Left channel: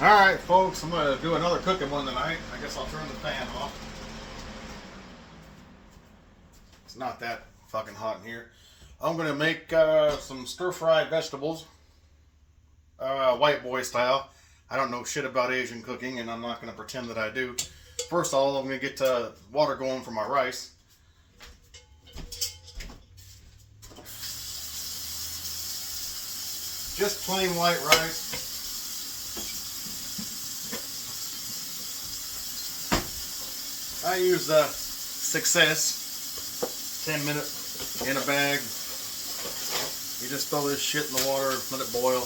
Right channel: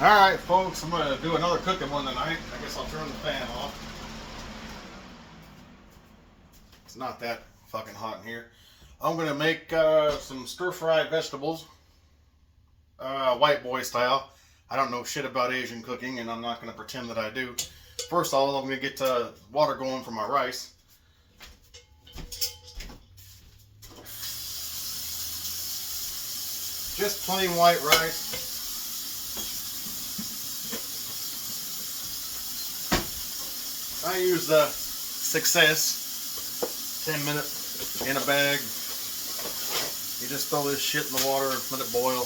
Alright folks, I'm going to do another cooking one tonight. I guess I'll turn the fan off. It's not that fucking hot in here. I'm going to make some stir-fried vegetables, white boy style. I don't know shit about Asian cooking, and I'm not going to pretend that I do. First of all, I'm going to get water going for my rice. Just plain white rice. I use Success 10-minute in a bag. You just throw this shit in the water, let it boil.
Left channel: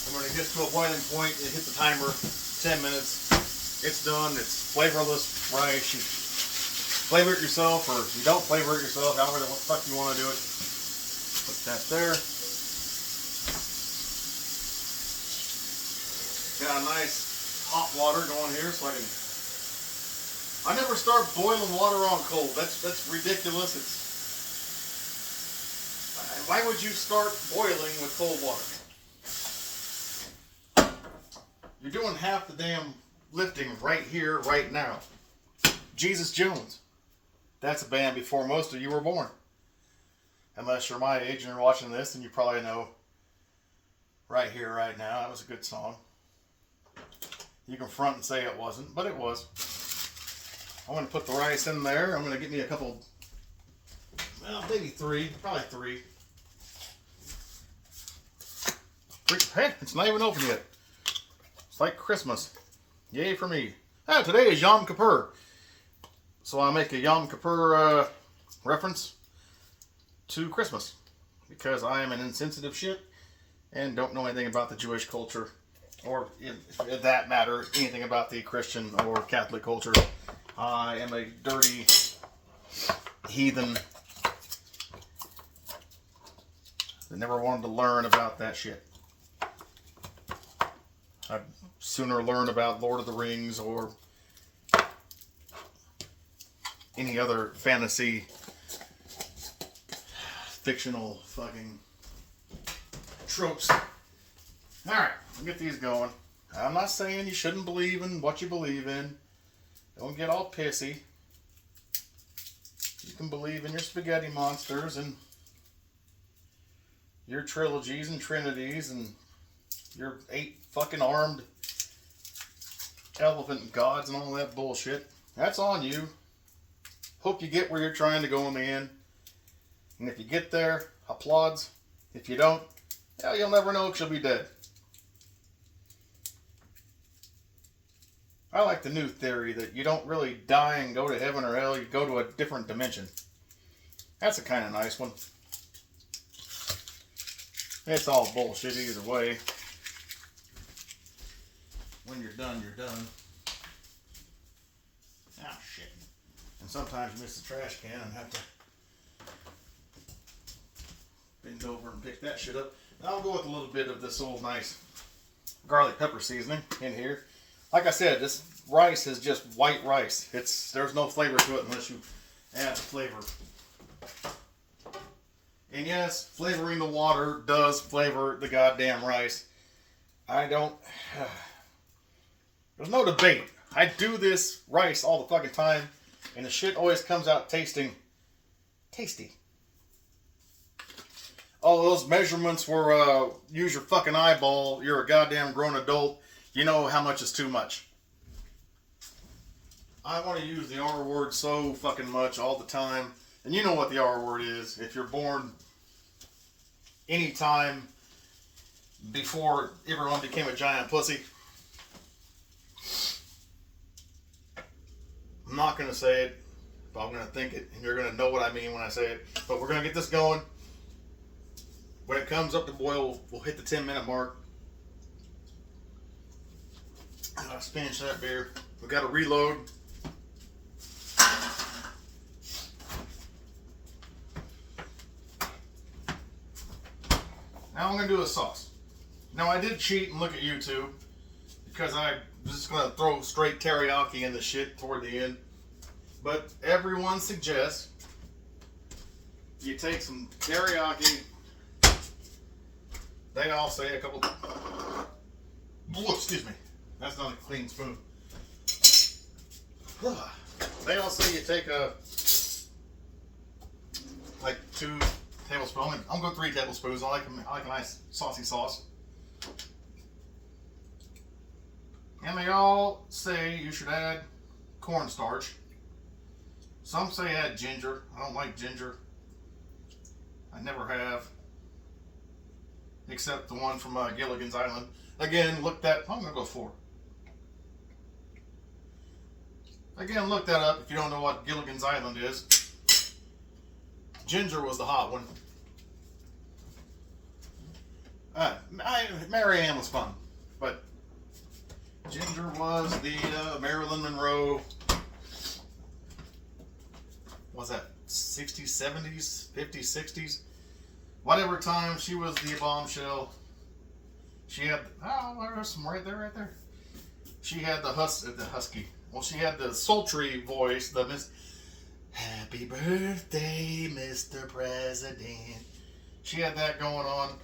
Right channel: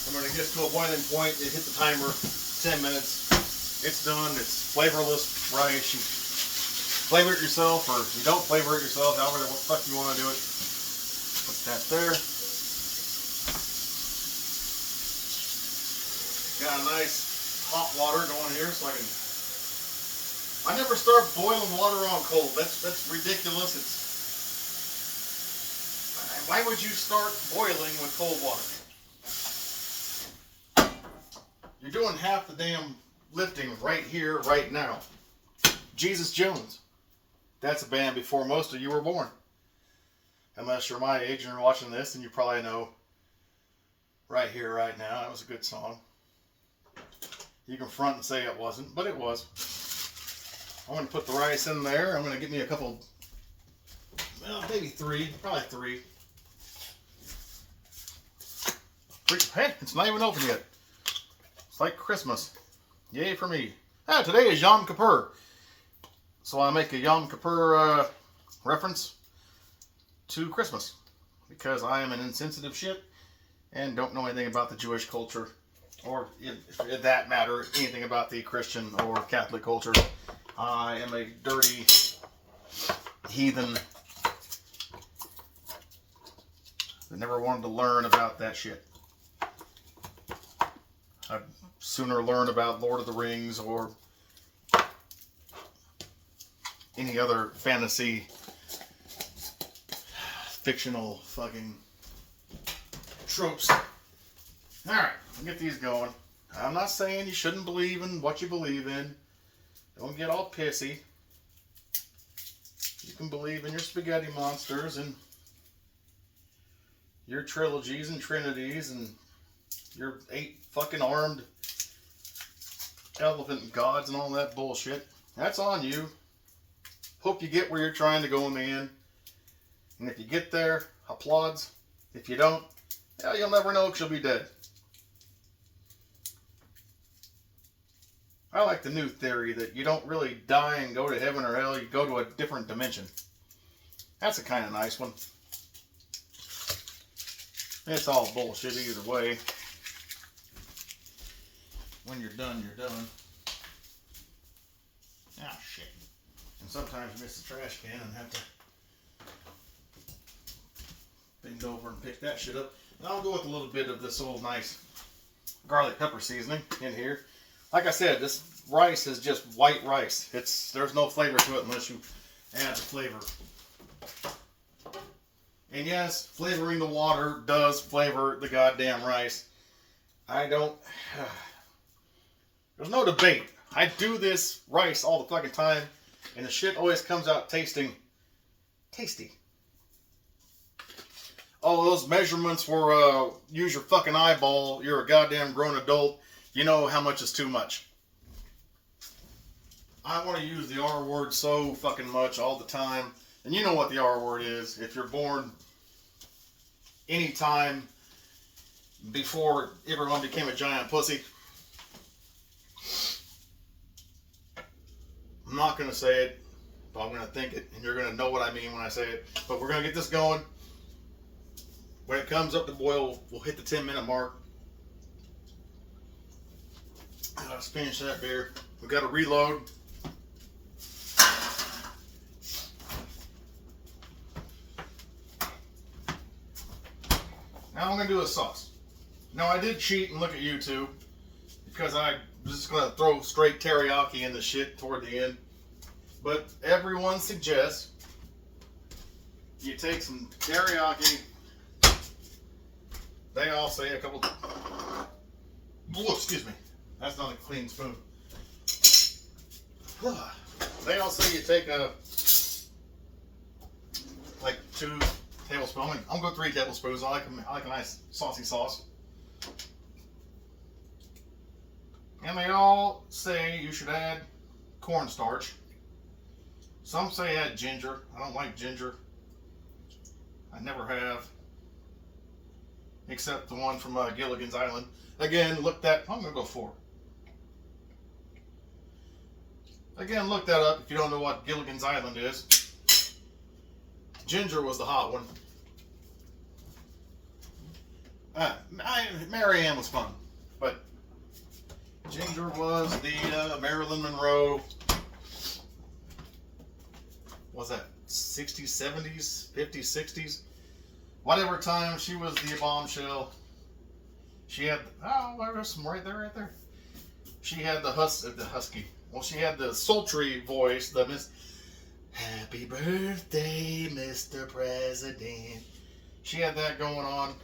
And when it gets to a boiling point, you hit the timer, 10 minutes. It's done. It's flavorless rice. You flavor it yourself, or you don't flavor it yourself, however the fuck you want to do it. Put that there. Got a nice hot water going here, so I never start boiling water on cold. That's ridiculous. Why would you start boiling with cold water? You're doing half the damn lifting right here, right now. Jesus Jones. That's a band before most of you were born. Unless you're my age and you're watching this, and you probably know Right Here, Right Now. That was a good song. You can front and say it wasn't, but it was. I'm going to put the rice in there. I'm going to get me a couple, well, maybe three, probably three. Hey, it's not even open yet. It's like Christmas. Yay for me. Today is Yom Kippur. So I make a Yom Kippur reference to Christmas. Because I am an insensitive shit and don't know anything about the Jewish culture. Or, in that matter, anything about the Christian or Catholic culture. I am a dirty heathen that never wanted to learn about that shit. I'd sooner learn about Lord of the Rings or any other fantasy, fictional fucking tropes. Alright, I'll get these going. I'm not saying you shouldn't believe in what you believe in. Don't get all pissy. You can believe in your spaghetti monsters and your trilogies and trinities and your 8 fucking armed elephant gods and all that bullshit. That's on you. Hope you get where you're trying to go in the end. And if you get there, applauds. If you don't, well, you'll never know because you'll be dead. I like the new theory that you don't really die and go to heaven or hell, you go to a different dimension. That's a kind of nice one. It's all bullshit either way. When you're done, you're done. Ah, shit. And sometimes you miss the trash can and have to bend over and pick that shit up. And I'll go with a little bit of this old nice garlic pepper seasoning in here. Like I said, this rice is just white rice. There's no flavor to it unless you add the flavor. And yes, flavoring the water does flavor the goddamn rice. There's no debate. I do this rice all the fucking time, and the shit always comes out tasting tasty. All those measurements were use your fucking eyeball. You're a goddamn grown adult. You know how much is too much. I want to use the R word so fucking much all the time. And you know what the R word is. If you're born anytime before everyone became a giant pussy. I'm not going to say it, but I'm going to think it. And you're going to know what I mean when I say it. But we're going to get this going. When it comes up to boil, we'll hit the 10-minute mark. Let's finish that beer. We've got to reload. Now I'm going to do a sauce. Now I did cheat and look at YouTube because I was just going to throw straight teriyaki in the shit toward the end. But everyone suggests you take some teriyaki. They all say a couple Oh, excuse me. That's not a clean spoon. They all say you take like 2 tablespoons. I'm going 3 tablespoons. I like a nice saucy sauce. And they all say you should add cornstarch. Some say add ginger. I don't like ginger. I never have. Except the one from Gilligan's Island. Again, look that. I'm going to go 4. Again, look that up if you don't know what Gilligan's Island is. Ginger was the hot one. Mary Ann was fun. But Ginger was the Marilyn Monroe. Was that 60s, 70s, 50s, 60s? Whatever time she was the bombshell. She had, there's some right there. She had the husky. Well, she had the sultry voice, the Miss Happy Birthday, Mr. President. She had that going on.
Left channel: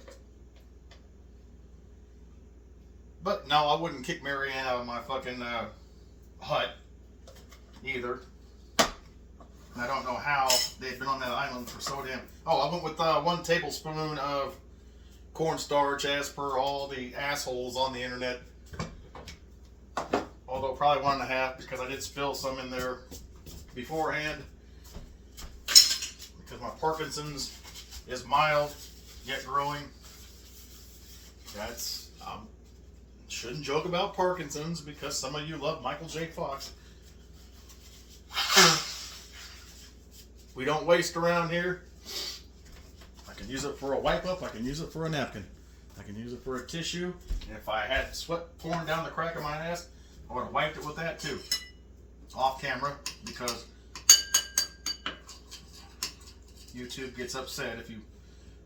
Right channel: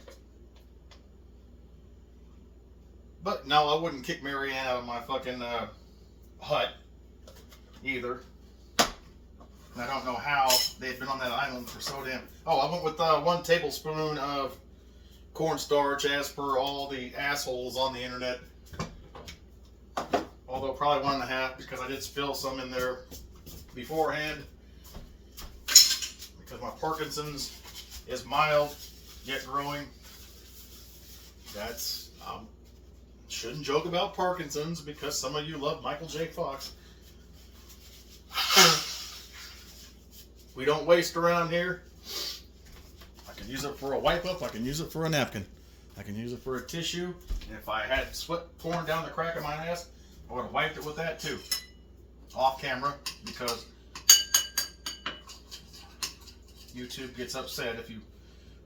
But no, I wouldn't kick Mary Ann out of my fucking hut either. And I don't know how they've been on that island for so damn. Oh, I went with 1 tablespoon of cornstarch, as per all the assholes on the internet. Although probably 1.5 because I did spill some in there beforehand. Because my Parkinson's is mild yet growing. That's shouldn't joke about Parkinson's because some of you love Michael J. Fox. We don't waste around here. I can use it for a wipe up. I can use it for a napkin. I can use it for a tissue. And if I had sweat pouring down the crack of my ass, I would have wiped it with that too. Off camera, because YouTube gets upset if you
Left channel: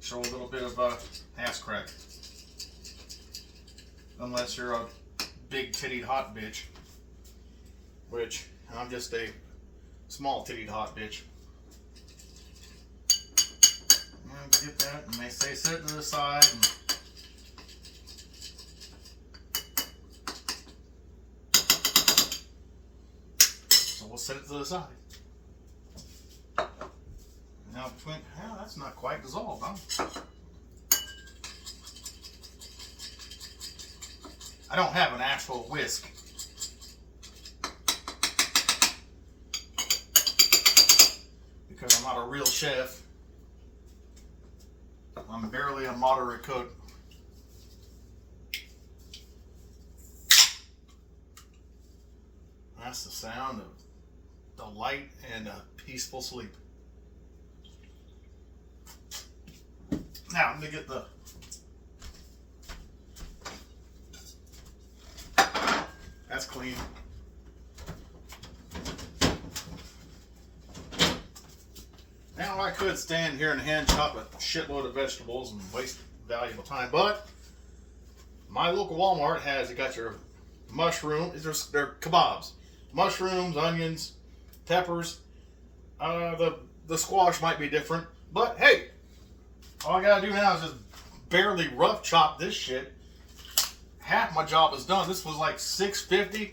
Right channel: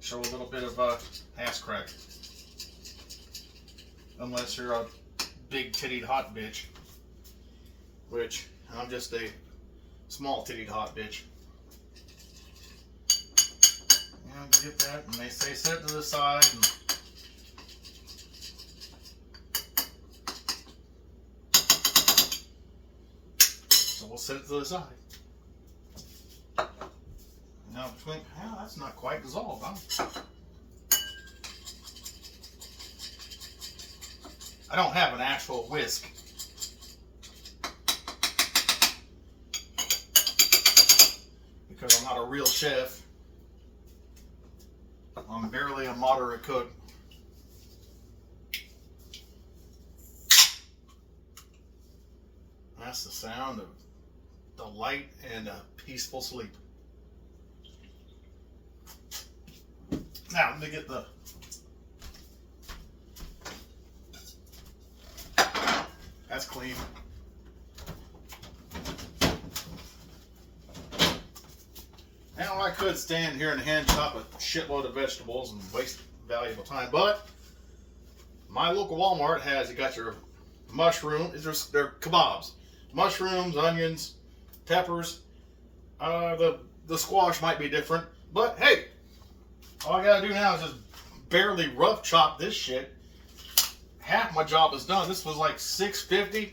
show a little bit of ass crack. Unless you're a big tittied hot bitch. Which, I'm just a small tittied hot bitch. And get that, and they say set it to the side. And so we'll set it to the side. Now between, that's not quite dissolved, huh? I don't have an actual whisk. Because I'm not a real chef. I'm barely a moderate cook. That's the sound of delight and a peaceful sleep. Now I'm gonna get the that's clean. Now I could stand here and hand chop a shitload of vegetables and waste valuable time, but my local Walmart has, you got your mushroom, they're kebabs. Mushrooms, onions, peppers. The squash might be different, but hey, all I gotta do now is just barely rough chop this shit. Half my job is done. This was like $6.50,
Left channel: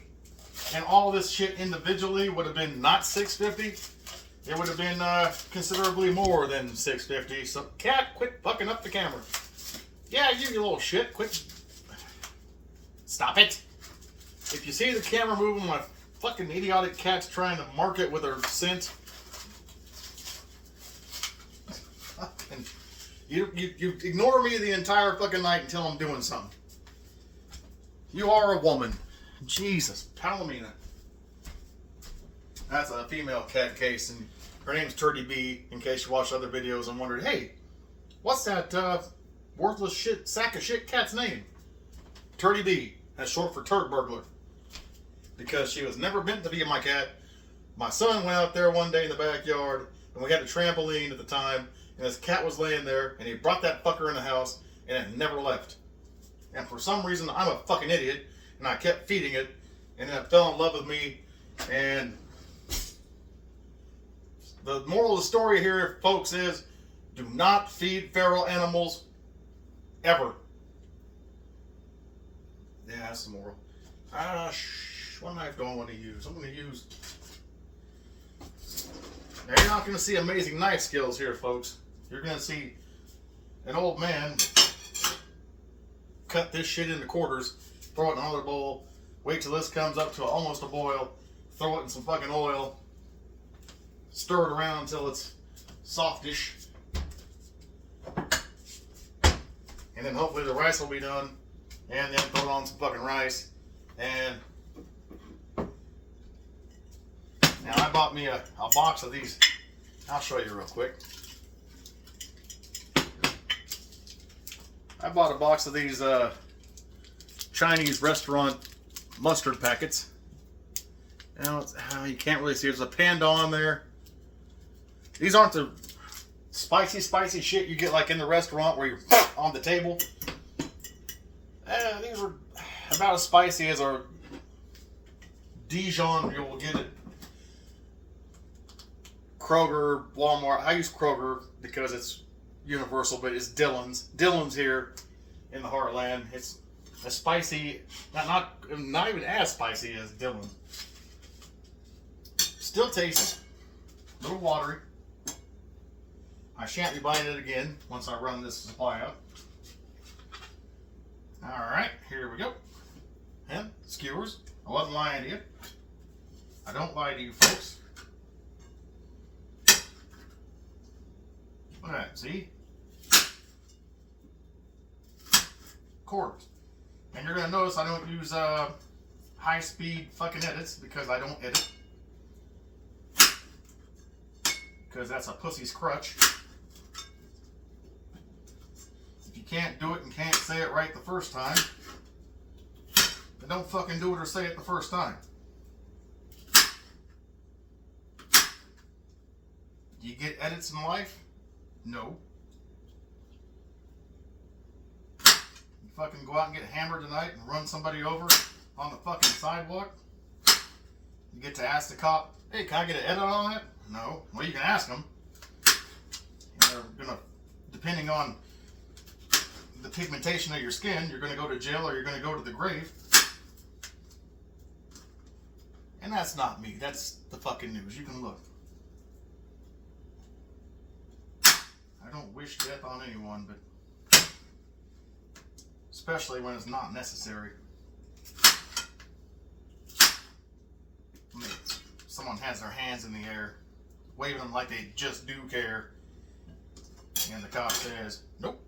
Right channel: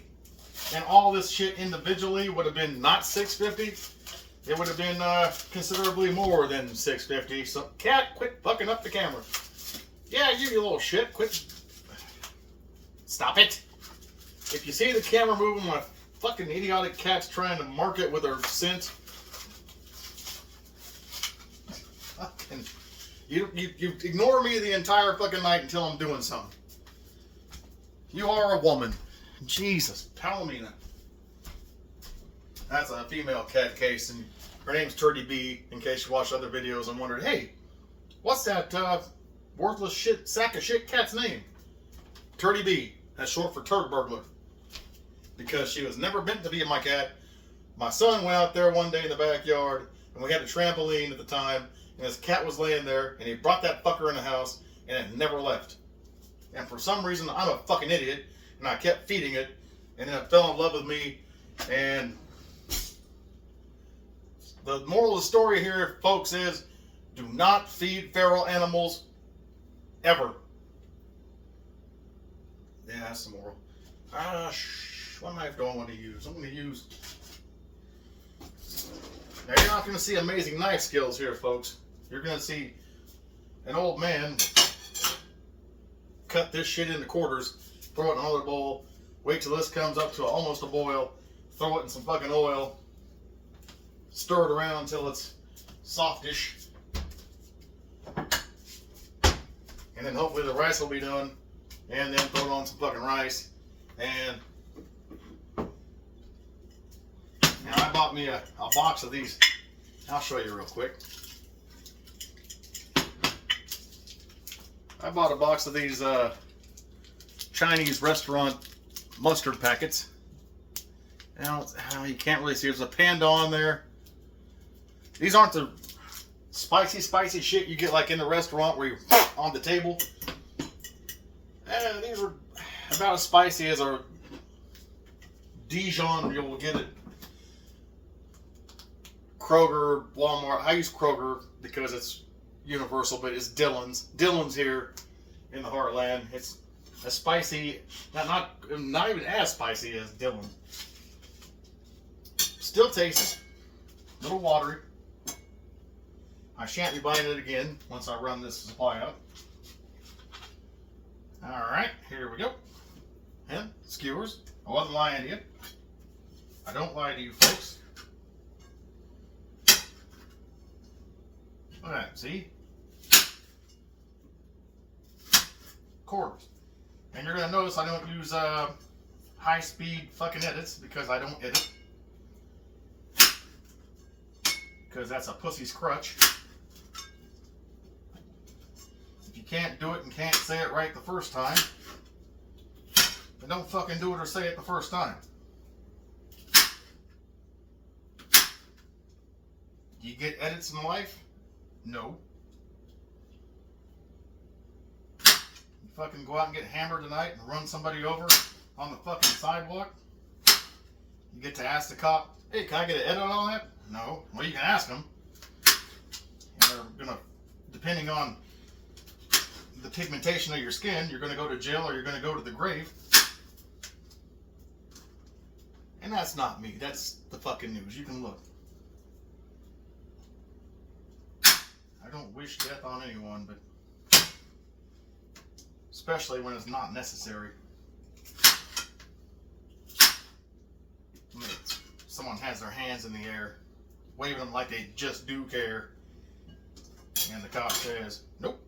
and all this shit individually would have been not $6.50. It would have been considerably more than $6.50. So, cat, quit fucking up the camera. Yeah, you little shit. Quit. Stop it. If you see the camera moving, my fucking idiotic cat's trying to mark it with her scent. Fucking, you ignore me the entire fucking night until I'm doing something. You are a woman. Jesus, Palomina. That's a female cat case, and her name's Turdy B, in case you watched other videos and wondered, hey, what's that worthless shit, sack of shit cat's name? Turdy B. That's short for turd burglar. Because she was never meant to be my cat. My son went out there one day in the backyard, and we had a trampoline at the time, and his cat was laying there, and he brought that fucker in the house, and it never left. And for some reason, I'm a fucking idiot, and I kept feeding it, and then it fell in love with me, and the moral of the story here, folks, is do not feed feral animals ever. Yeah, some more. What knife do I want to use? I'm going to use... Now, you're not going to see amazing knife skills here, folks. You're going to see an old man cut this shit into quarters, throw it in another bowl, wait till this comes up to almost a boil, throw it in some fucking oil, stir it around until it's softish, and then hopefully the rice will be done, and then throw on some fucking rice. And now I bought me a box of these. I'll show you real quick. I bought a box of these Chinese restaurant mustard packets. Now you can't really see. There's a panda on there. These aren't the spicy shit you get like in the restaurant where you're on the table. These are about as spicy as a Dijon you'll get at Kroger, Walmart. I use Kroger because it's universal, but it's Dillon's. Dillon's here in the heartland. It's a spicy, not even as spicy as Dillon. Still tastes a little watery. I shan't be buying it again once I run this supply out. Alright, here we go. And skewers. I wasn't lying to you. I don't lie to you folks. Alright, see? Quarters. And you're going to notice I don't use high-speed fucking edits because I don't edit. Because that's a pussy's crutch. If you can't do it and can't say it right the first time, then don't fucking do it or say it the first time. Do you get edits in life? No. You fucking go out and get hammered tonight and run somebody over on the fucking sidewalk? You get to ask the cop, hey, can I get an edit on that? No. Well, you can ask them. And they're gonna, depending on the pigmentation of your skin, you're gonna go to jail or you're gonna go to the grave. And that's not me. That's the fucking news. You can look. I don't wish death on anyone, but especially when it's not necessary. I mean, someone has their hands in the air, waving them like they just do care, and the cop says, nope.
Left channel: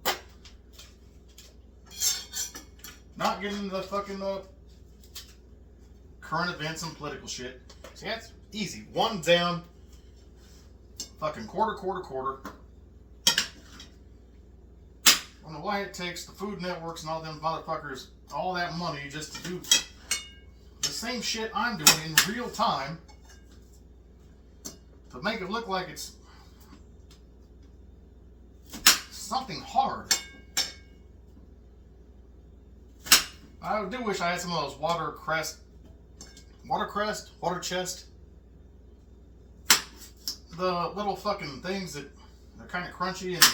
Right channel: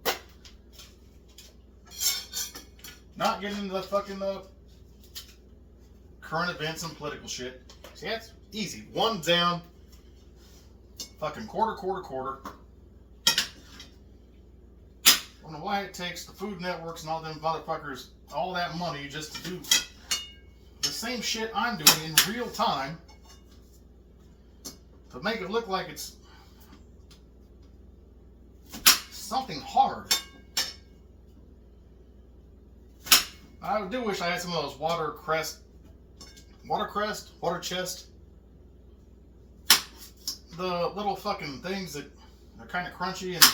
Not getting into the fucking current events and political shit. See, that's easy. One down, fucking quarter. I don't know why it takes the Food Networks and all them motherfuckers all that money just to do the same shit I'm doing in real time to make it look like it's something hard. I do wish I had some of those water chest, the little fucking things that are kind of crunchy and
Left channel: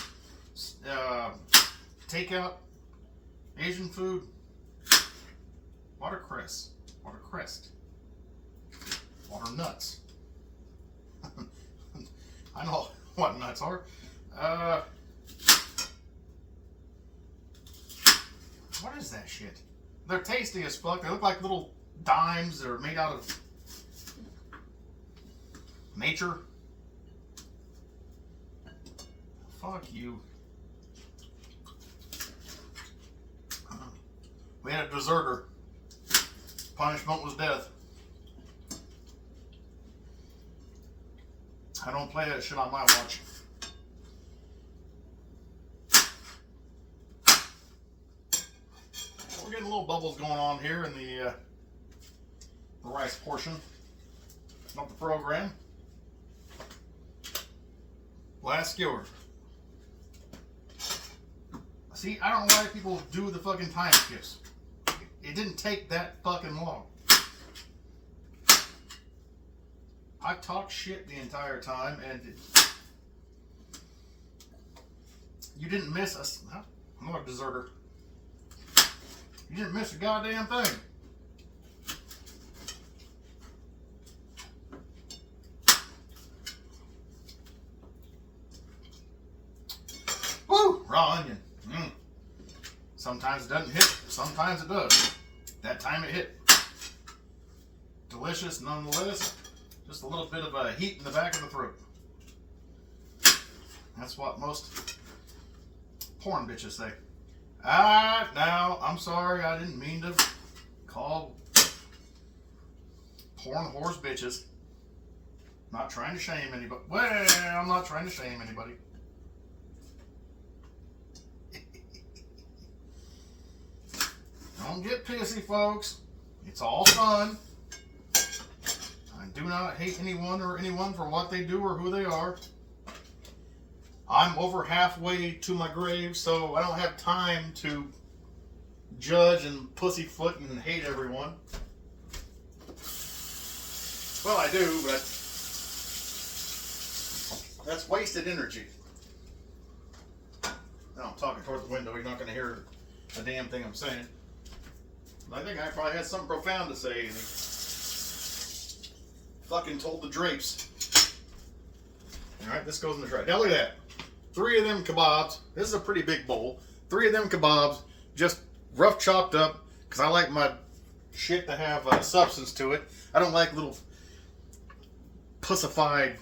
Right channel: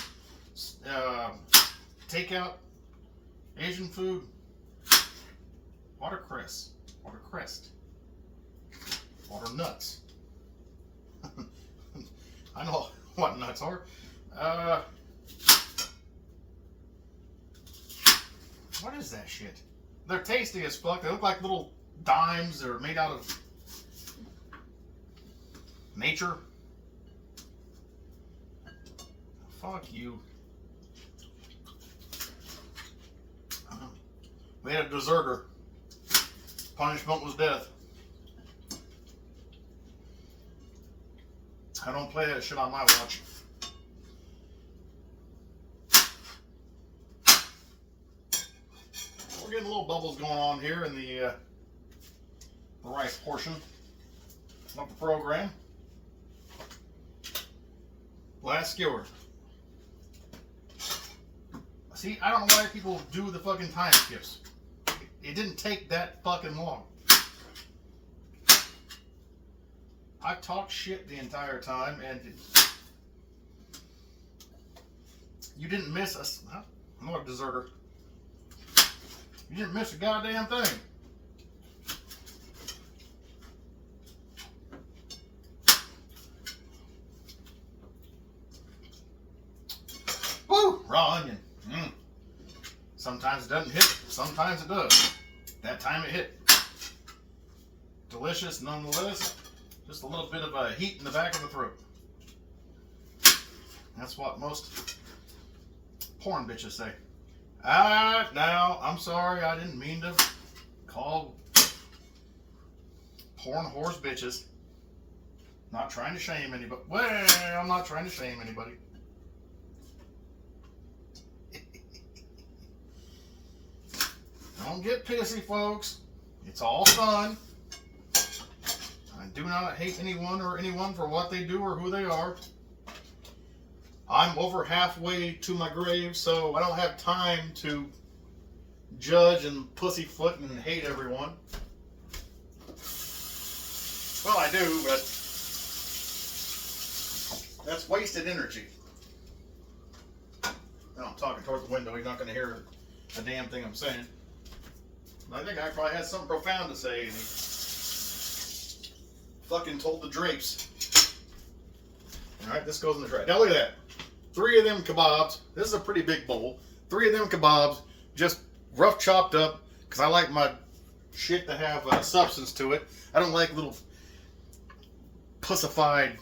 takeout Asian food. Watercress, water nuts. I know what nuts are. What is that shit? They're tasty as fuck. They look like little dimes. They're made out of nature. Fuck you. We had a deserter. Punishment was death. I don't play that shit on my watch. We're getting little bubbles going on here in the rice portion of the program. Last skewer. See, I don't know why people do the fucking time skips. It didn't take that fucking long. I talked shit the entire time, and you didn't miss us. I'm not a deserter. You didn't miss a goddamn thing. Woo! Raw onion. Sometimes it doesn't hit, sometimes it does. That time it hit. Delicious nonetheless. Just a little bit of a heat in the back of the throat. That's what most porn bitches say. Now, I'm sorry, I didn't mean to call porn whores bitches. Not trying to shame anybody. Well, I'm not trying to shame anybody. Don't get pissy, folks. It's all fun. I do not hate anyone or anyone for what they do or who they are. I'm over halfway to my grave, so I don't have time to judge and pussyfoot and hate everyone. Well, I do, but that's wasted energy. No, I'm talking toward the window. You're not going to hear a damn thing I'm saying. I think I probably had something profound to say, and he fucking told the drapes. Alright, this goes in the tray. Now look at that. 3 of them kebabs. This is a pretty big bowl. 3 of them kebabs, just rough chopped up, because I like my shit to have substance to it. I don't like little pussified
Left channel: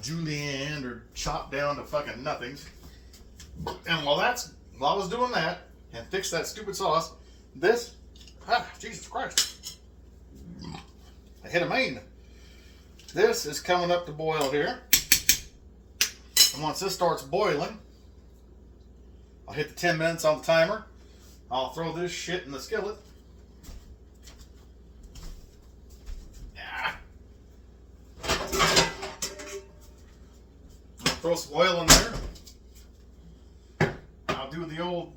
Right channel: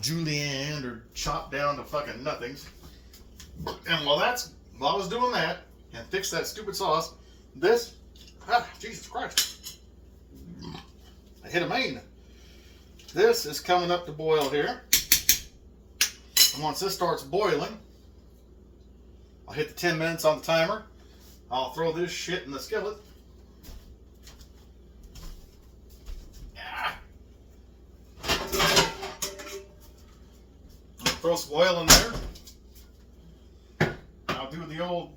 julienne or chopped down to fucking nothings. And while I was doing that, and fix that stupid sauce, Jesus Christ, I hit a main. This is coming up to boil here. And once this starts boiling, I'll hit the 10 minutes on the timer. I'll throw this shit in the skillet. I'll throw some oil in there. I'll do the old,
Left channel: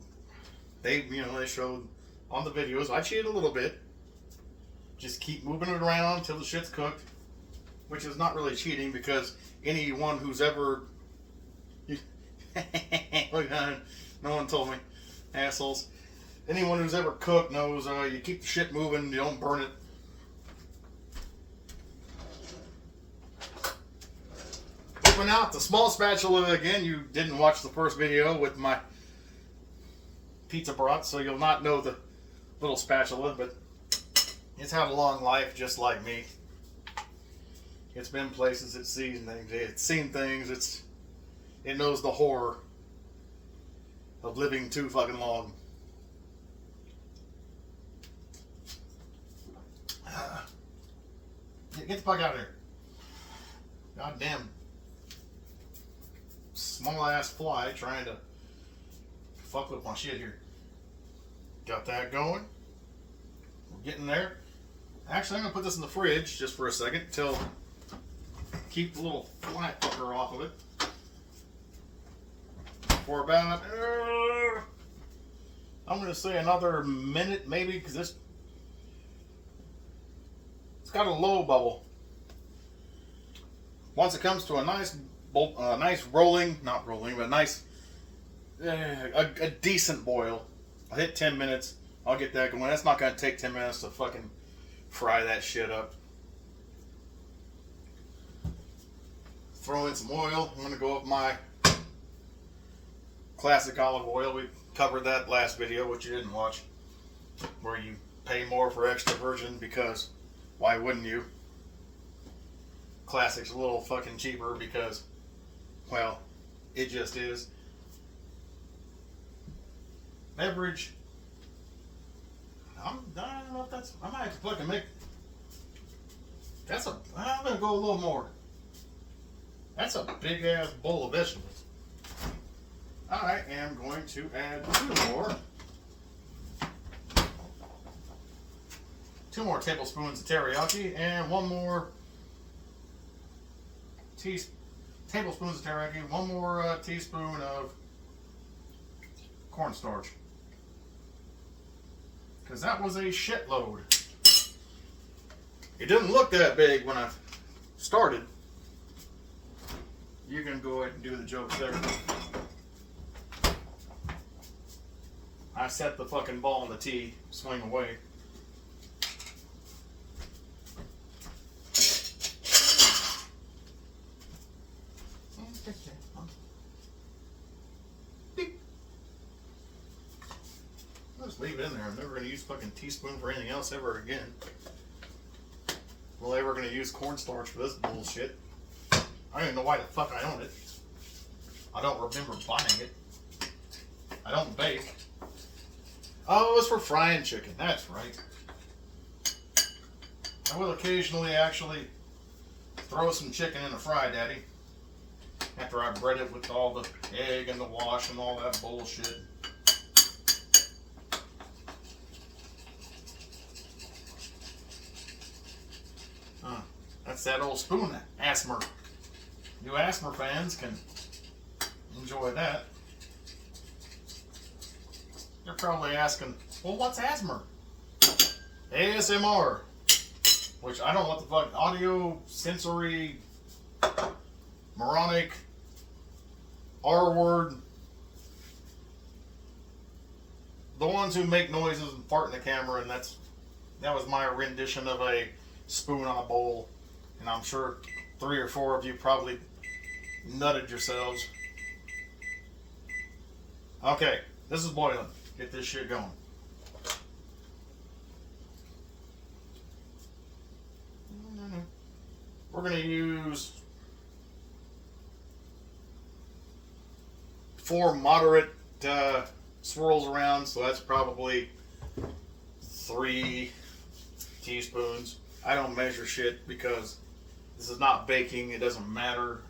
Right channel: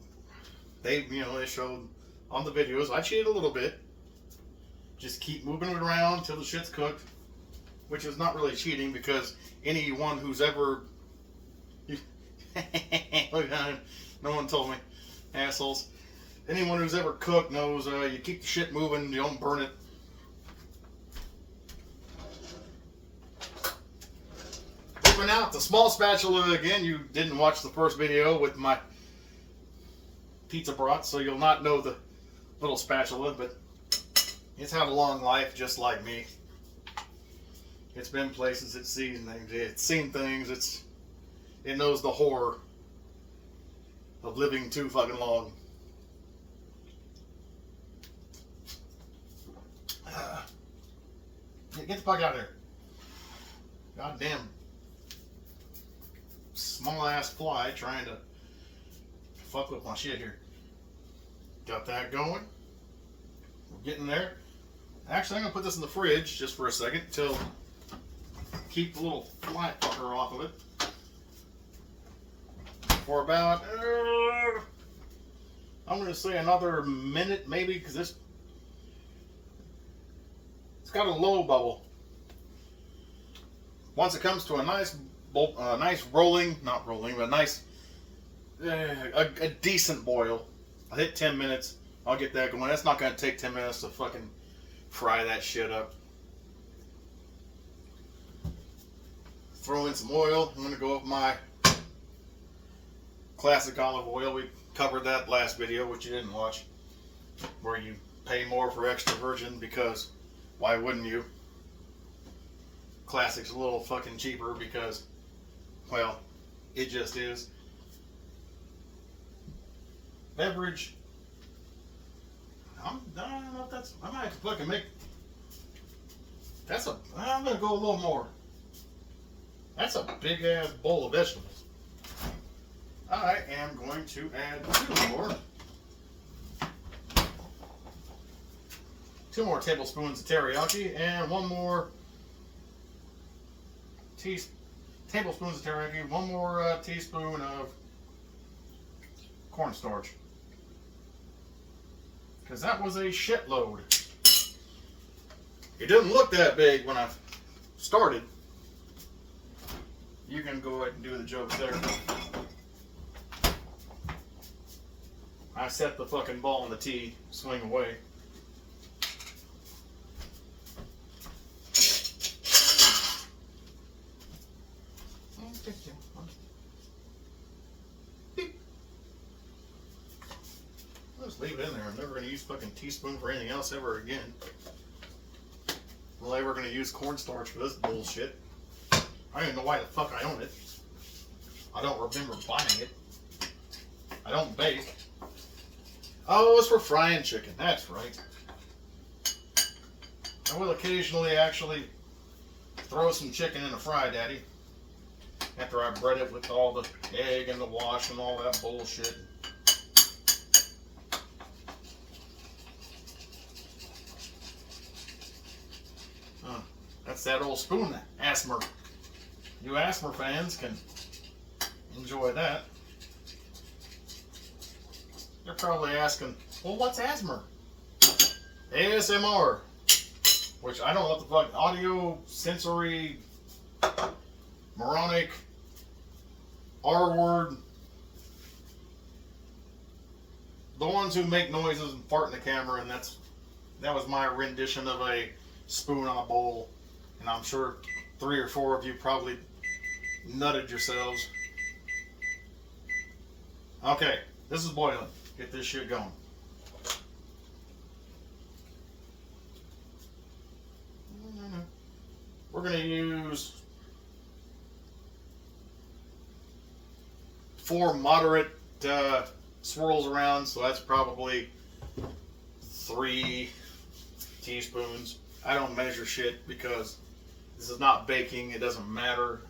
they showed on the videos. I cheated a little bit. Just keep moving it around till the shit's cooked, which is not really cheating because anyone who's ever look, no one told me, assholes. Anyone who's ever cooked knows you keep the shit moving, you don't burn it. Moving out the small spatula again. You didn't watch the first video with my pizza brats, so you'll not know the little spatula, but it's had a long life just like me. It's been places, it's seen things, it knows the horror of living too fucking long. Get the fuck out of there. Goddamn small ass fly trying to fuck with my shit here. Got that going. We're getting there. Actually, I'm gonna put this in the fridge just for a second till keep the little fly fucker off of it for about I'm gonna say another minute maybe, because it's got a low bubble. Once it comes to a nice rolling, not rolling, but a nice a decent boil. I'll hit 10 minutes. I'll get that going. That's not going to take 10 minutes to fucking fry that shit up. Throw in some oil. I'm going to go with my classic olive oil. We covered that last video, which you didn't watch, where you pay more for extra virgin because why wouldn't you? Classic's a little fucking cheaper because, well, it just is. Beverage. I don't know if that's. I might have to fucking make. I'm gonna go a little more. That's a big ass bowl of vegetables. I am going to add 2 more tablespoons of teriyaki and 1 more tablespoons of teriyaki, 1 more teaspoon of cornstarch. Because that was a shitload. It didn't look that big when I started. You can go ahead and do the jokes there. I set the fucking ball on the tee, swing away. I'll just leave it in there. I'm never going to use fucking teaspoon for anything else ever again. Well, they were going to use cornstarch for this bullshit. I don't even know why the fuck I own it. I don't remember buying it. I don't bake. Oh, it was for frying chicken. That's right. I will occasionally actually throw some chicken in the fry, Daddy. After I bread it with all the egg and the wash and all that bullshit. That's that old spoon asthma. You asthma fans can enjoy that. You're probably asking, well, what's asthma? ASMR. Which I don't know what the fuck. Audio, sensory, moronic, R word. The ones who make noises and fart in the camera, and that was my rendition of a spoon on a bowl. And I'm sure 3 or 4 of you probably nutted yourselves. Okay, this is boiling. Get this shit going. We're going to use 4 moderate swirls around, so that's probably 3 teaspoons. I don't measure shit because this is not baking. It doesn't matter.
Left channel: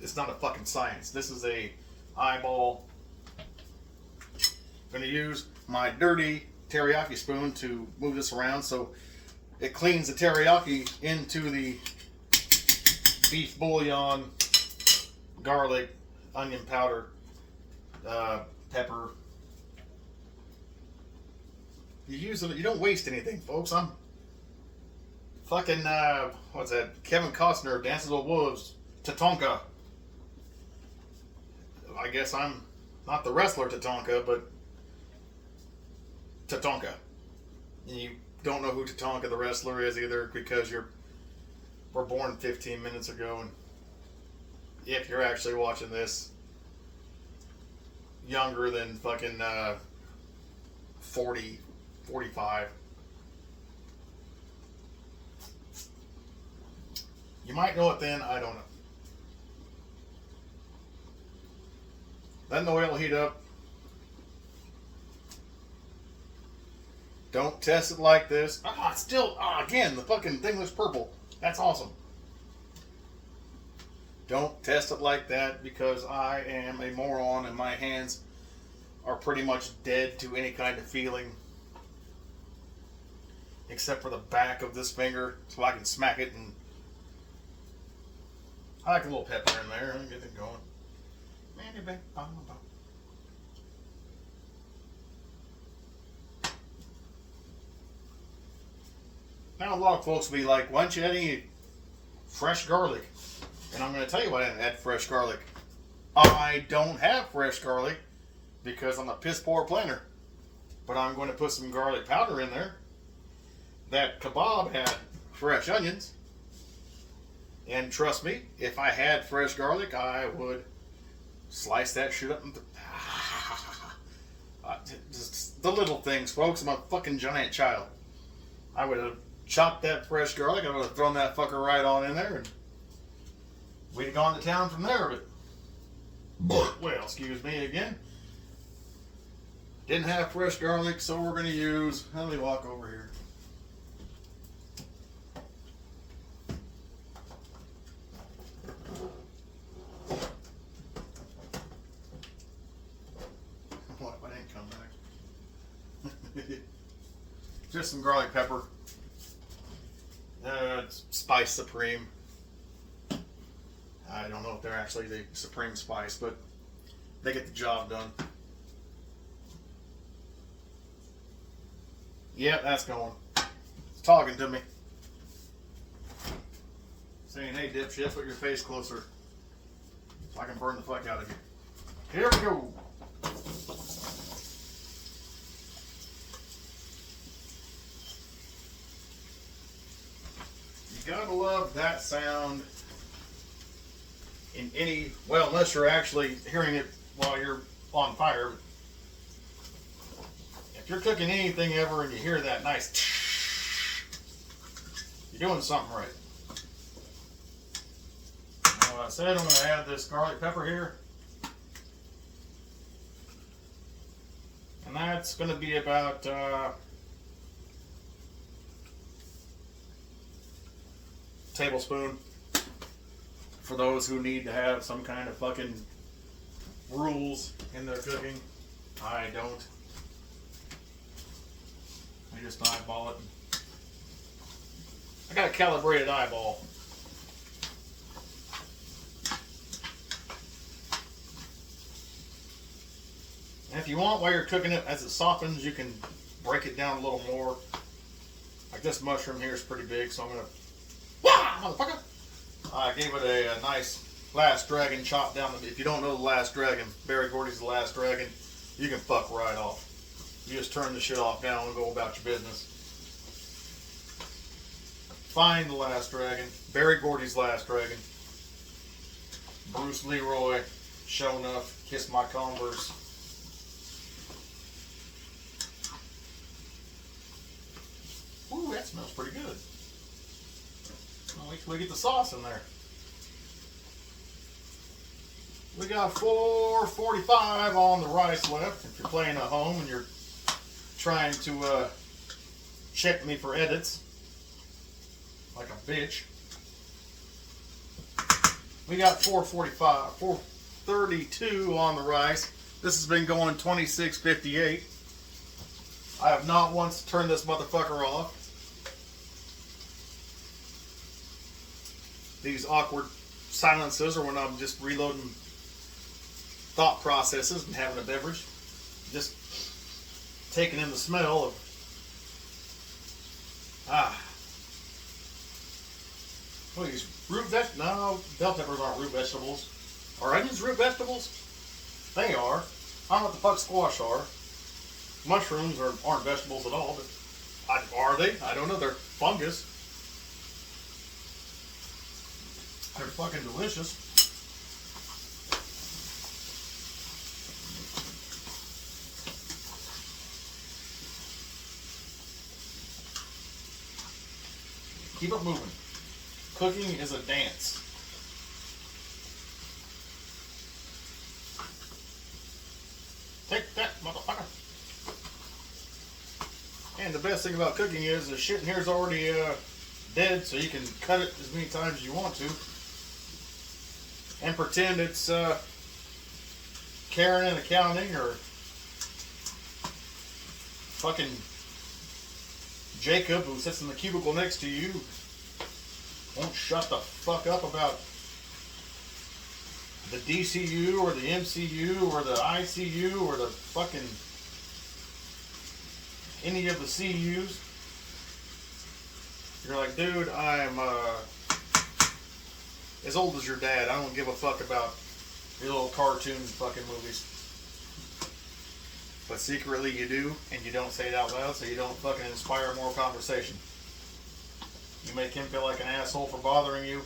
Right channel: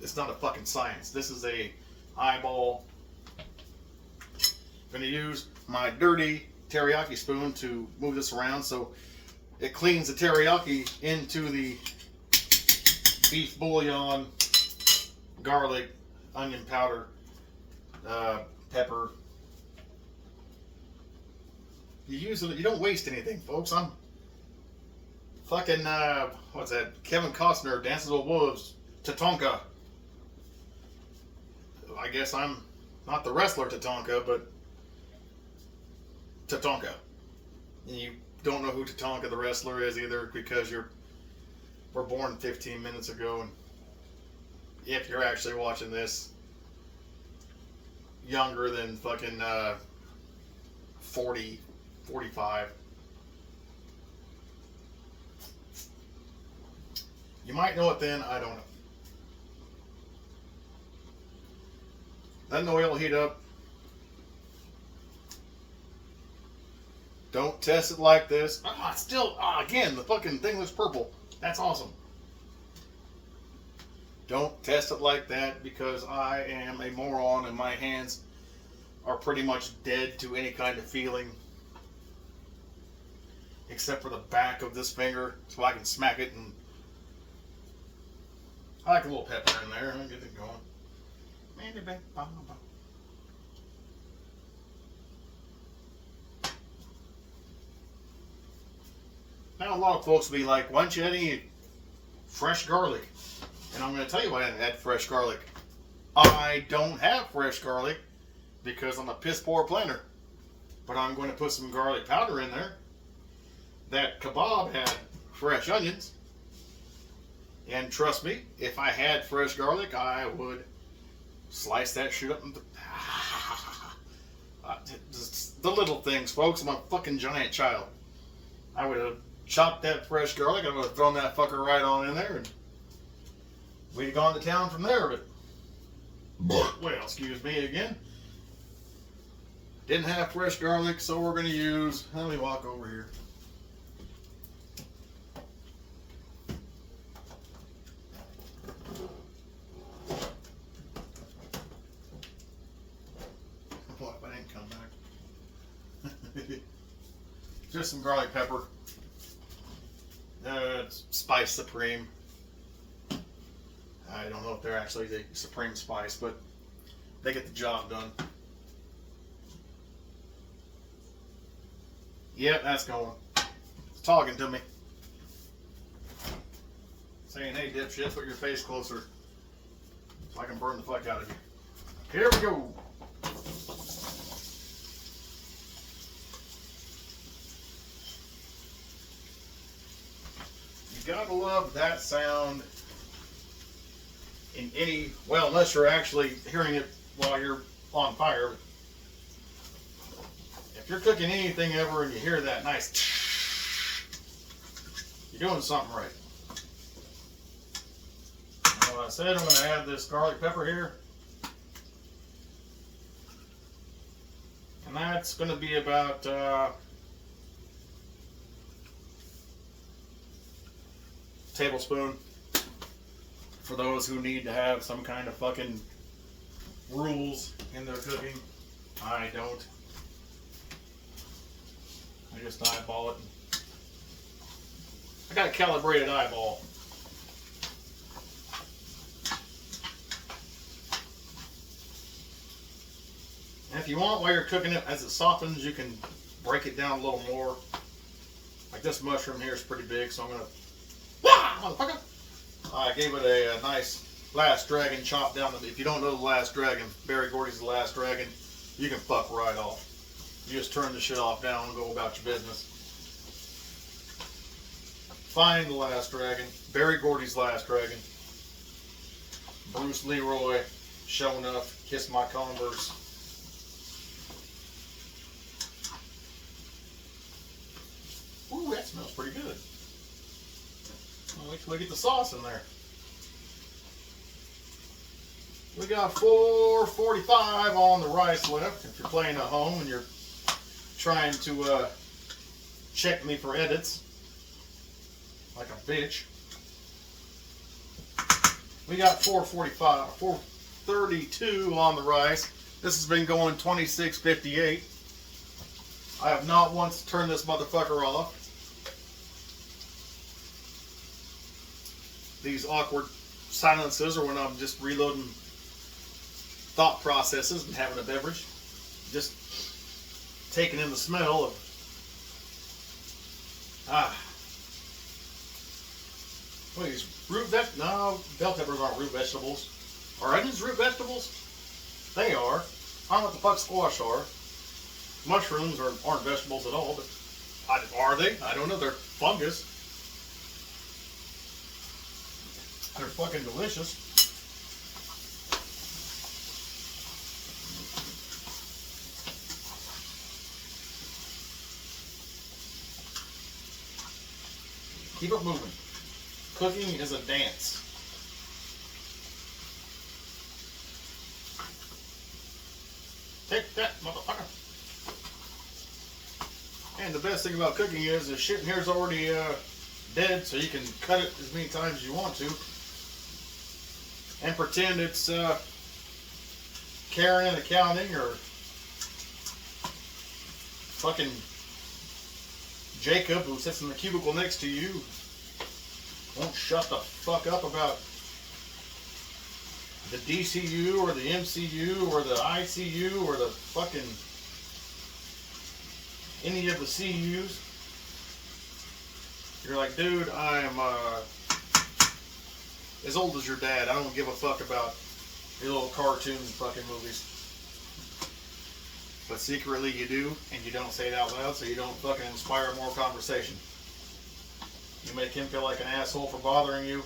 It's not a fucking science. This is a eyeball. I'm going to use my dirty teriyaki spoon to move this around so it cleans the teriyaki into the beef bouillon, garlic, onion powder, pepper. You use it. You don't waste anything, folks. I'm fucking what's that? Kevin Costner, Dances with Wolves, Tatanka. I guess I'm not the wrestler Tatanka, but Tatanka. And you don't know who Tatanka the wrestler is either because you were born 15 minutes ago, and if you're actually watching this younger than fucking 40, 45. You might know it then, I don't know. Then the oil will heat up. Don't test it like this. It's still, again, the fucking thing looks purple. That's awesome. Don't test it like that because I am a moron and my hands are pretty much dead to any kind of feeling. Except for the back of this finger so I can smack it, and I like a little pepper in there and get it going. Now a lot of folks will be like, why don't you add any fresh garlic? And I'm going to tell you why I didn't add fresh garlic. I don't have fresh garlic because I'm a piss poor planner. But I'm going to put some garlic powder in there. That kebab had fresh onions. And trust me, if I had fresh garlic, I would slice that shit up. Just the little things, folks. I'm a fucking giant child. I would have chopped that fresh garlic. I would have thrown that fucker right on in there, and we'd have gone to town from there. But, well, excuse me again. Didn't have fresh garlic, so we're going to use. Let me walk over here. What if I didn't come back? Just some garlic pepper. It's Spice Supreme. I don't know if they're actually the supreme spice, but they get the job done. Yep, that's going. It's talking to me. Saying, hey, dipshit, put your face closer so I can burn the fuck out of you. Here we go. You gotta love that sound in any, well, unless you're actually hearing it while you're on fire. If you're cooking anything ever and you hear that nice, you're doing something right. Now, what I said, I'm going to add this garlic pepper here. And that's going to be about tablespoon for those who need to have some kind of fucking rules in their cooking. I don't. I just eyeball it. I got a calibrated eyeball. And if you want, while you're cooking it, as it softens, you can break it down a little more. Like this mushroom here is pretty big, so I'm gonna, motherfucker! I gave it a nice Last Dragon chop down. If you don't know the Last Dragon, Barry Gordy's the Last Dragon, you can fuck right off. You just turn the shit off now and go about your business. Find the Last Dragon, Barry Gordy's Last Dragon, Bruce Leroy, Show Enough, Kiss My Converse. Ooh, that smells pretty good. I'll wait till we get the sauce in there. We got 4:45 on the rice left. If you're playing at home and you're trying to check me for edits, like a bitch. We got 4:45, 4:32 on the rice. This has been going 26:58. I have not once turned this motherfucker off. These awkward silences are when I'm just reloading thought processes and having a beverage. Just taking in the smell of what are these root vegetables? No, bell peppers aren't root vegetables. Are onions root vegetables? They are. I don't know what the fuck squash are. Mushrooms aren't vegetables at all, but are they? I don't know. They're fungus. They're fucking delicious. Keep it moving. Cooking is a dance. Take that, motherfucker. And the best thing about cooking is the shit in here is already dead, so you can cut it as many times as you want to. And pretend it's Karen in accounting or fucking Jacob, who sits in the cubicle next to you, won't shut the fuck up about the DCU or the MCU or the ICU or the fucking any of the CUs. You're like, dude, I'm as old as your dad. I don't give a fuck about your little cartoon fucking movies. But secretly you do, and you don't say it out loud, so you don't fucking inspire more conversation. You make him feel like an asshole for bothering you,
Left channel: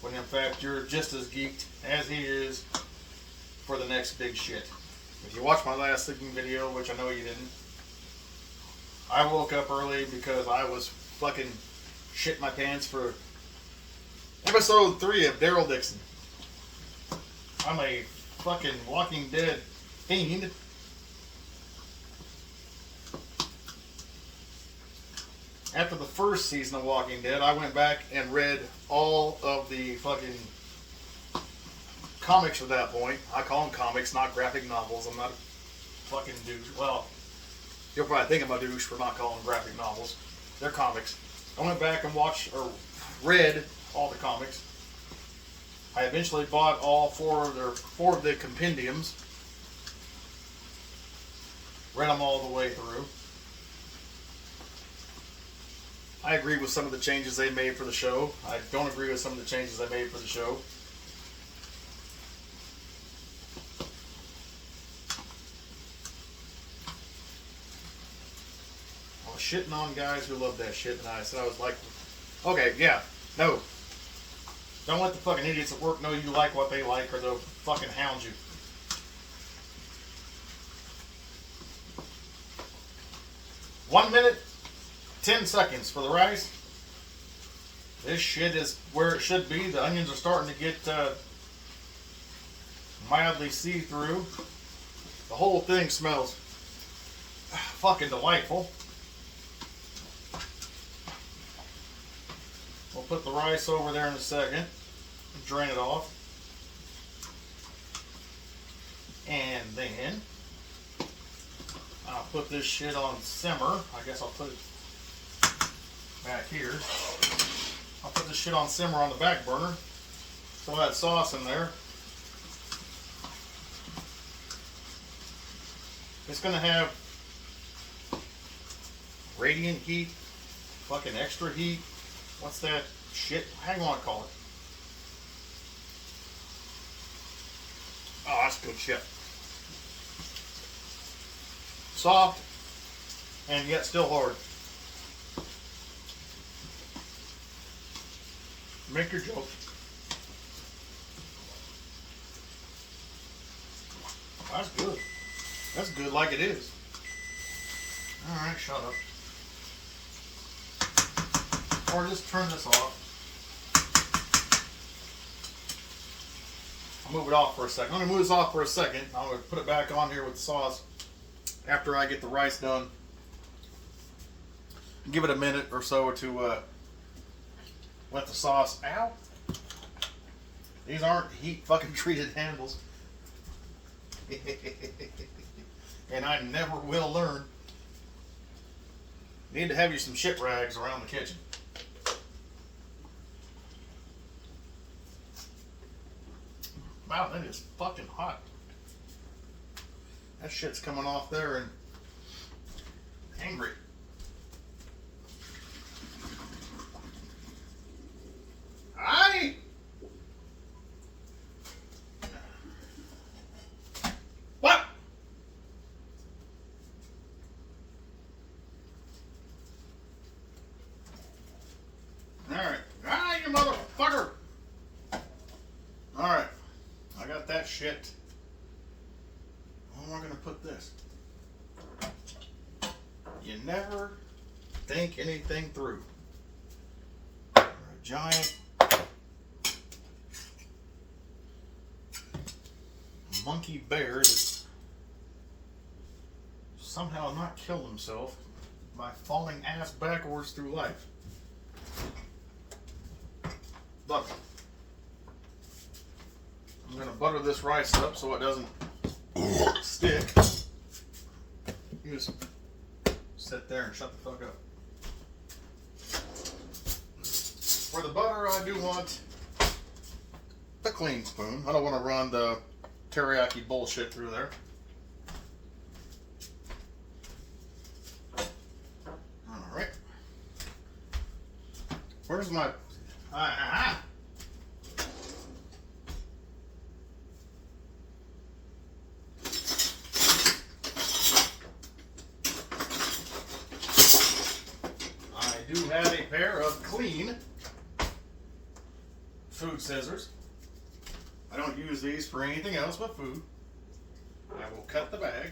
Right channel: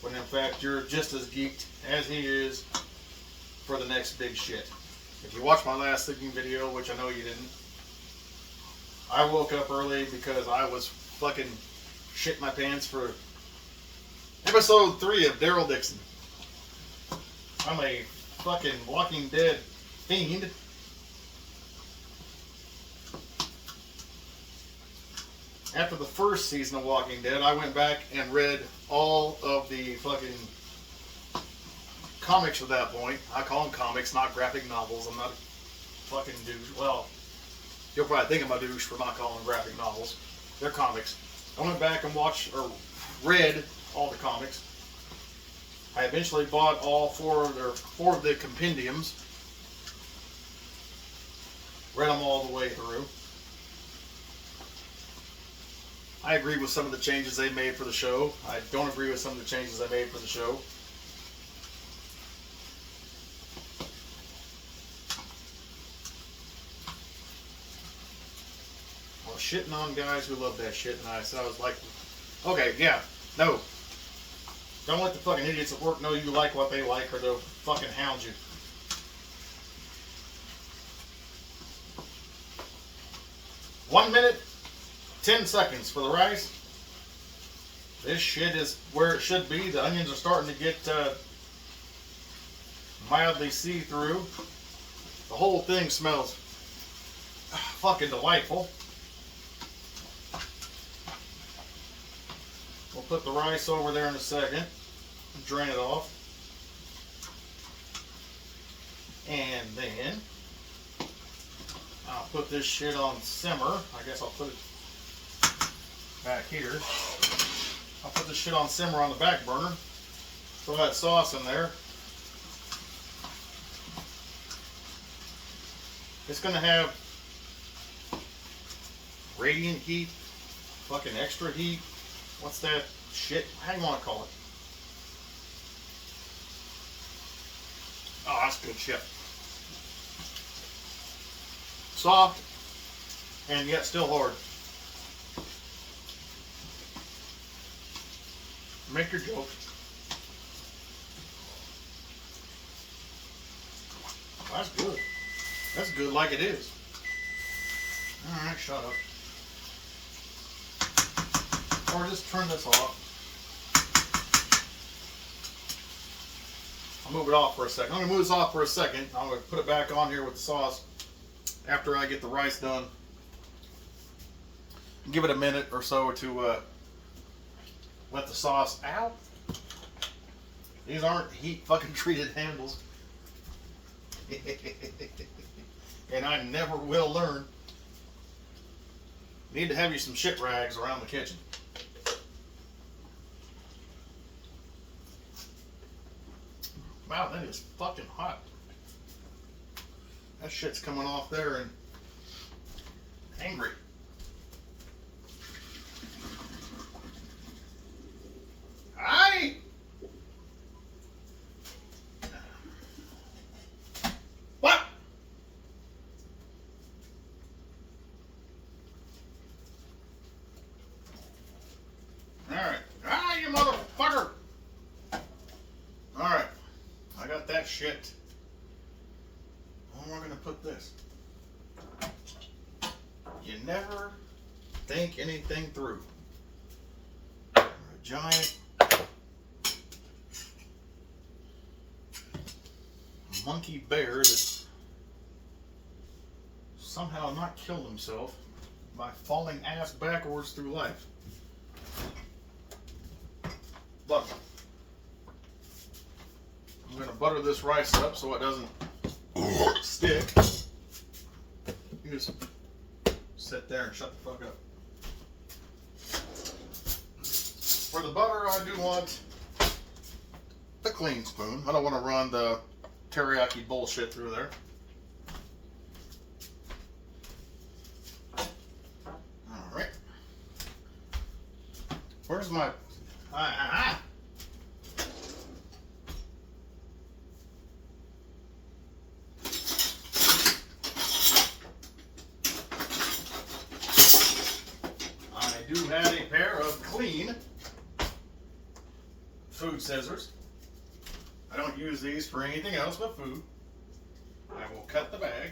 when in fact you're just as geeked as he is for the next big shit. If you watched my last sleeping video, which I know you didn't, I woke up early because I was fucking shit my pants for episode 3 of Daryl Dixon. I'm a fucking Walking Dead fiend. After the first season of Walking Dead, I went back and read all of the fucking comics at that point. I call them comics, not graphic novels. I'm not a fucking douche. Well, you'll probably think I'm a douche for not calling them graphic novels. They're comics. I went back and watched or read all the comics. I eventually bought all four of the compendiums. Read them all the way through. I agree with some of the changes they made for the show. I don't agree with some of the changes they made for the show. I was shitting on guys who love that shit, and I said I was like, Okay, yeah. No. Don't let the fucking idiots at work know you like what they like or they'll fucking hound you. One minute, 10 seconds for the rice. This shit is where it should be. The onions are starting to get mildly see-through. The whole thing smells fucking delightful. We'll put the rice over there in a second. Drain it off. And then I'll put this shit on simmer. I guess I'll put it back here. I'll put this shit on simmer on the back burner. Throw that sauce in there. It's gonna have radiant heat, fucking extra heat. What's that shit? How do you want to call it? Oh, that's good shit. Soft and yet still hard. Make your joke. That's good. That's good like it is. Alright, shut up. Or just turn this off. I'll move it off for a second. I'm going to move this off for a second. I'm going to put it back on here with the sauce after I get the rice done. Give it a minute or so to let the sauce out. These aren't heat fucking treated handles. And I never will learn. Need to have you some shit rags around the kitchen. Wow, that is fucking hot. That shit's coming off there and angry. Aye. What? Alright. Ah, you motherfucker! Alright. I got that shit. Where am I gonna put this? You never think anything through. You're a giant monkey bear that somehow not killed himself by falling ass backwards through life. But I'm going to butter this rice up so it doesn't stick. You just sit there and shut the fuck up. For the butter, I do want the clean spoon. I don't want to run the teriyaki bullshit through there. Alright. Where's my... I do have a pair of clean food scissors. I don't use these for anything else but food. I will cut the bag.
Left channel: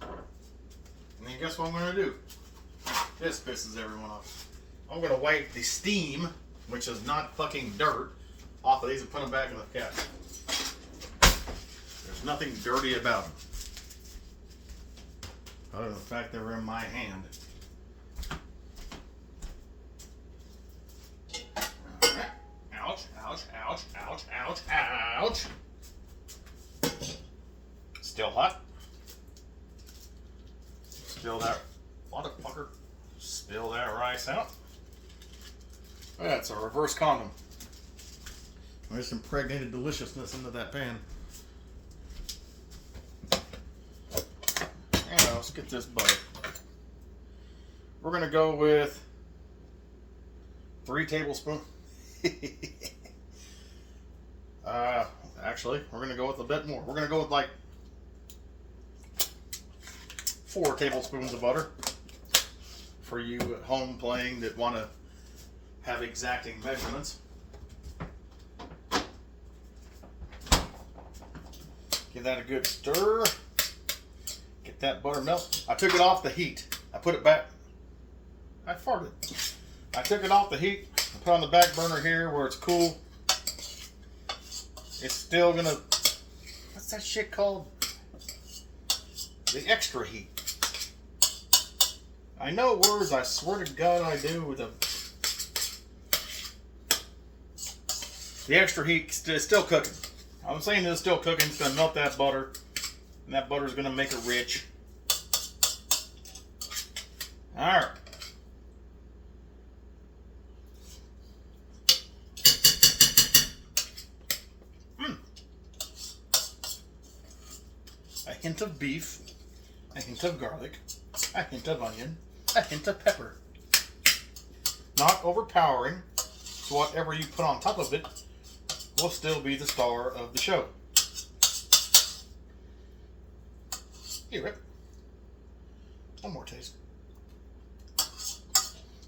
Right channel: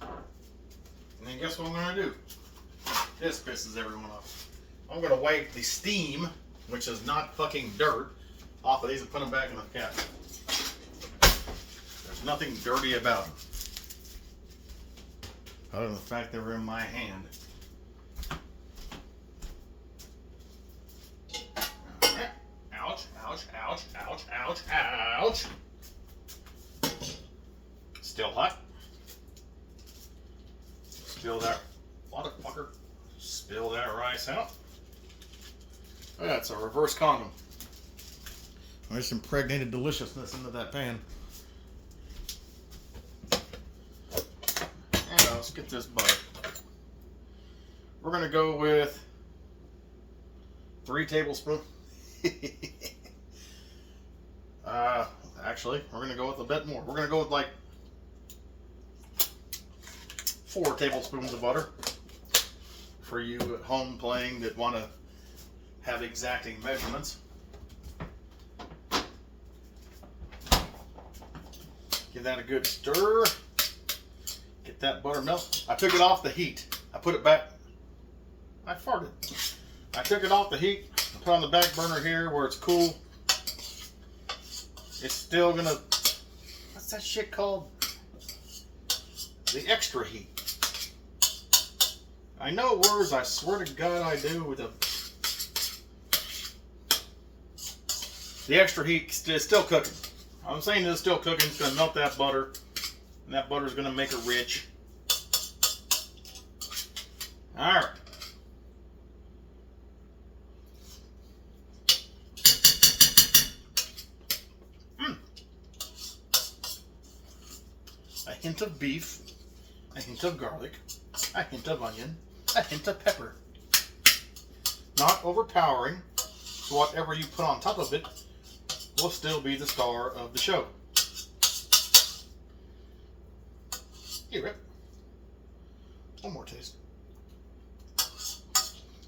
And then guess what I'm going to do? This pisses everyone off. I'm going to wipe the steam, which is not fucking dirt, off of these and put them back in the cabinet. There's nothing dirty about them. Other than the fact they were in my hand. Ouch, ouch, ouch, ouch, ouch, ouch. Still hot. Spill that, motherfucker. Spill that rice out. That's a reverse condom. There's some impregnated deliciousness into that pan. And let's get this butter. We're going to go with 3 tablespoons. Actually, we're going to go with a bit more. We're going to go with like 4 tablespoons of butter. for you at home playing that want to have exacting measurements. Give that a good stir. Get that butter melt. I took it off the heat. I put it back. I farted. I took it off the heat. I put it on the back burner here where it's cool. It's still gonna, what's that shit called? The extra heat. I know words, I swear to God I do with them. The extra heat is still cooking. I'm saying it's still cooking. It's going to melt that butter. And that butter is going to make it rich. Alright. A hint of beef. A hint of garlic. A hint of onion. A hint of pepper. Not overpowering. So whatever you put on top of it will still be the star of the show. Here, Rip. One more taste.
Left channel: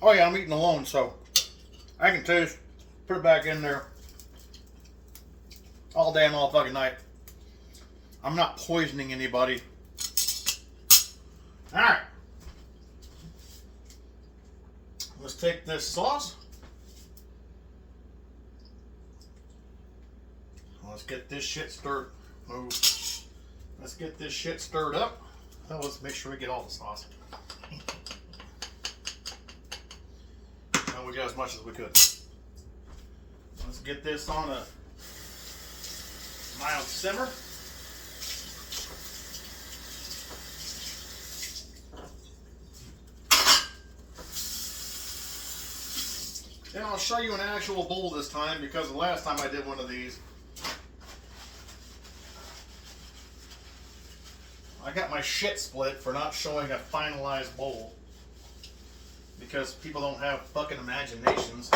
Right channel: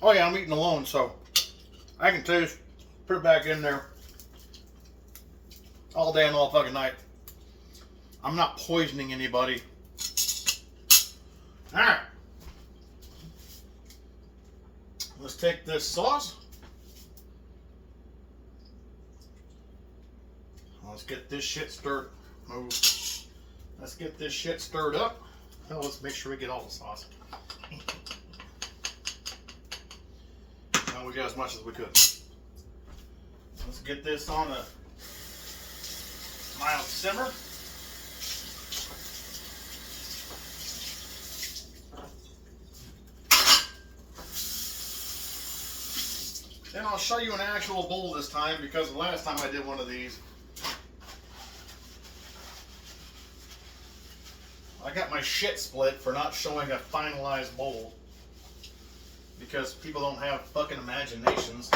Oh yeah, I'm eating alone, so I can taste. Put it back in there all day and all fucking night. I'm not poisoning anybody. Alright. Let's take this sauce. Let's get this shit stirred. Move. Let's get this shit stirred up. Now let's make sure we get all the sauce. And we got as much as we could. Let's get this on a mild simmer. Then I'll show you an actual bowl this time because the last time I did one of these, I got my shit split for not showing a finalized bowl because people don't have fucking imaginations.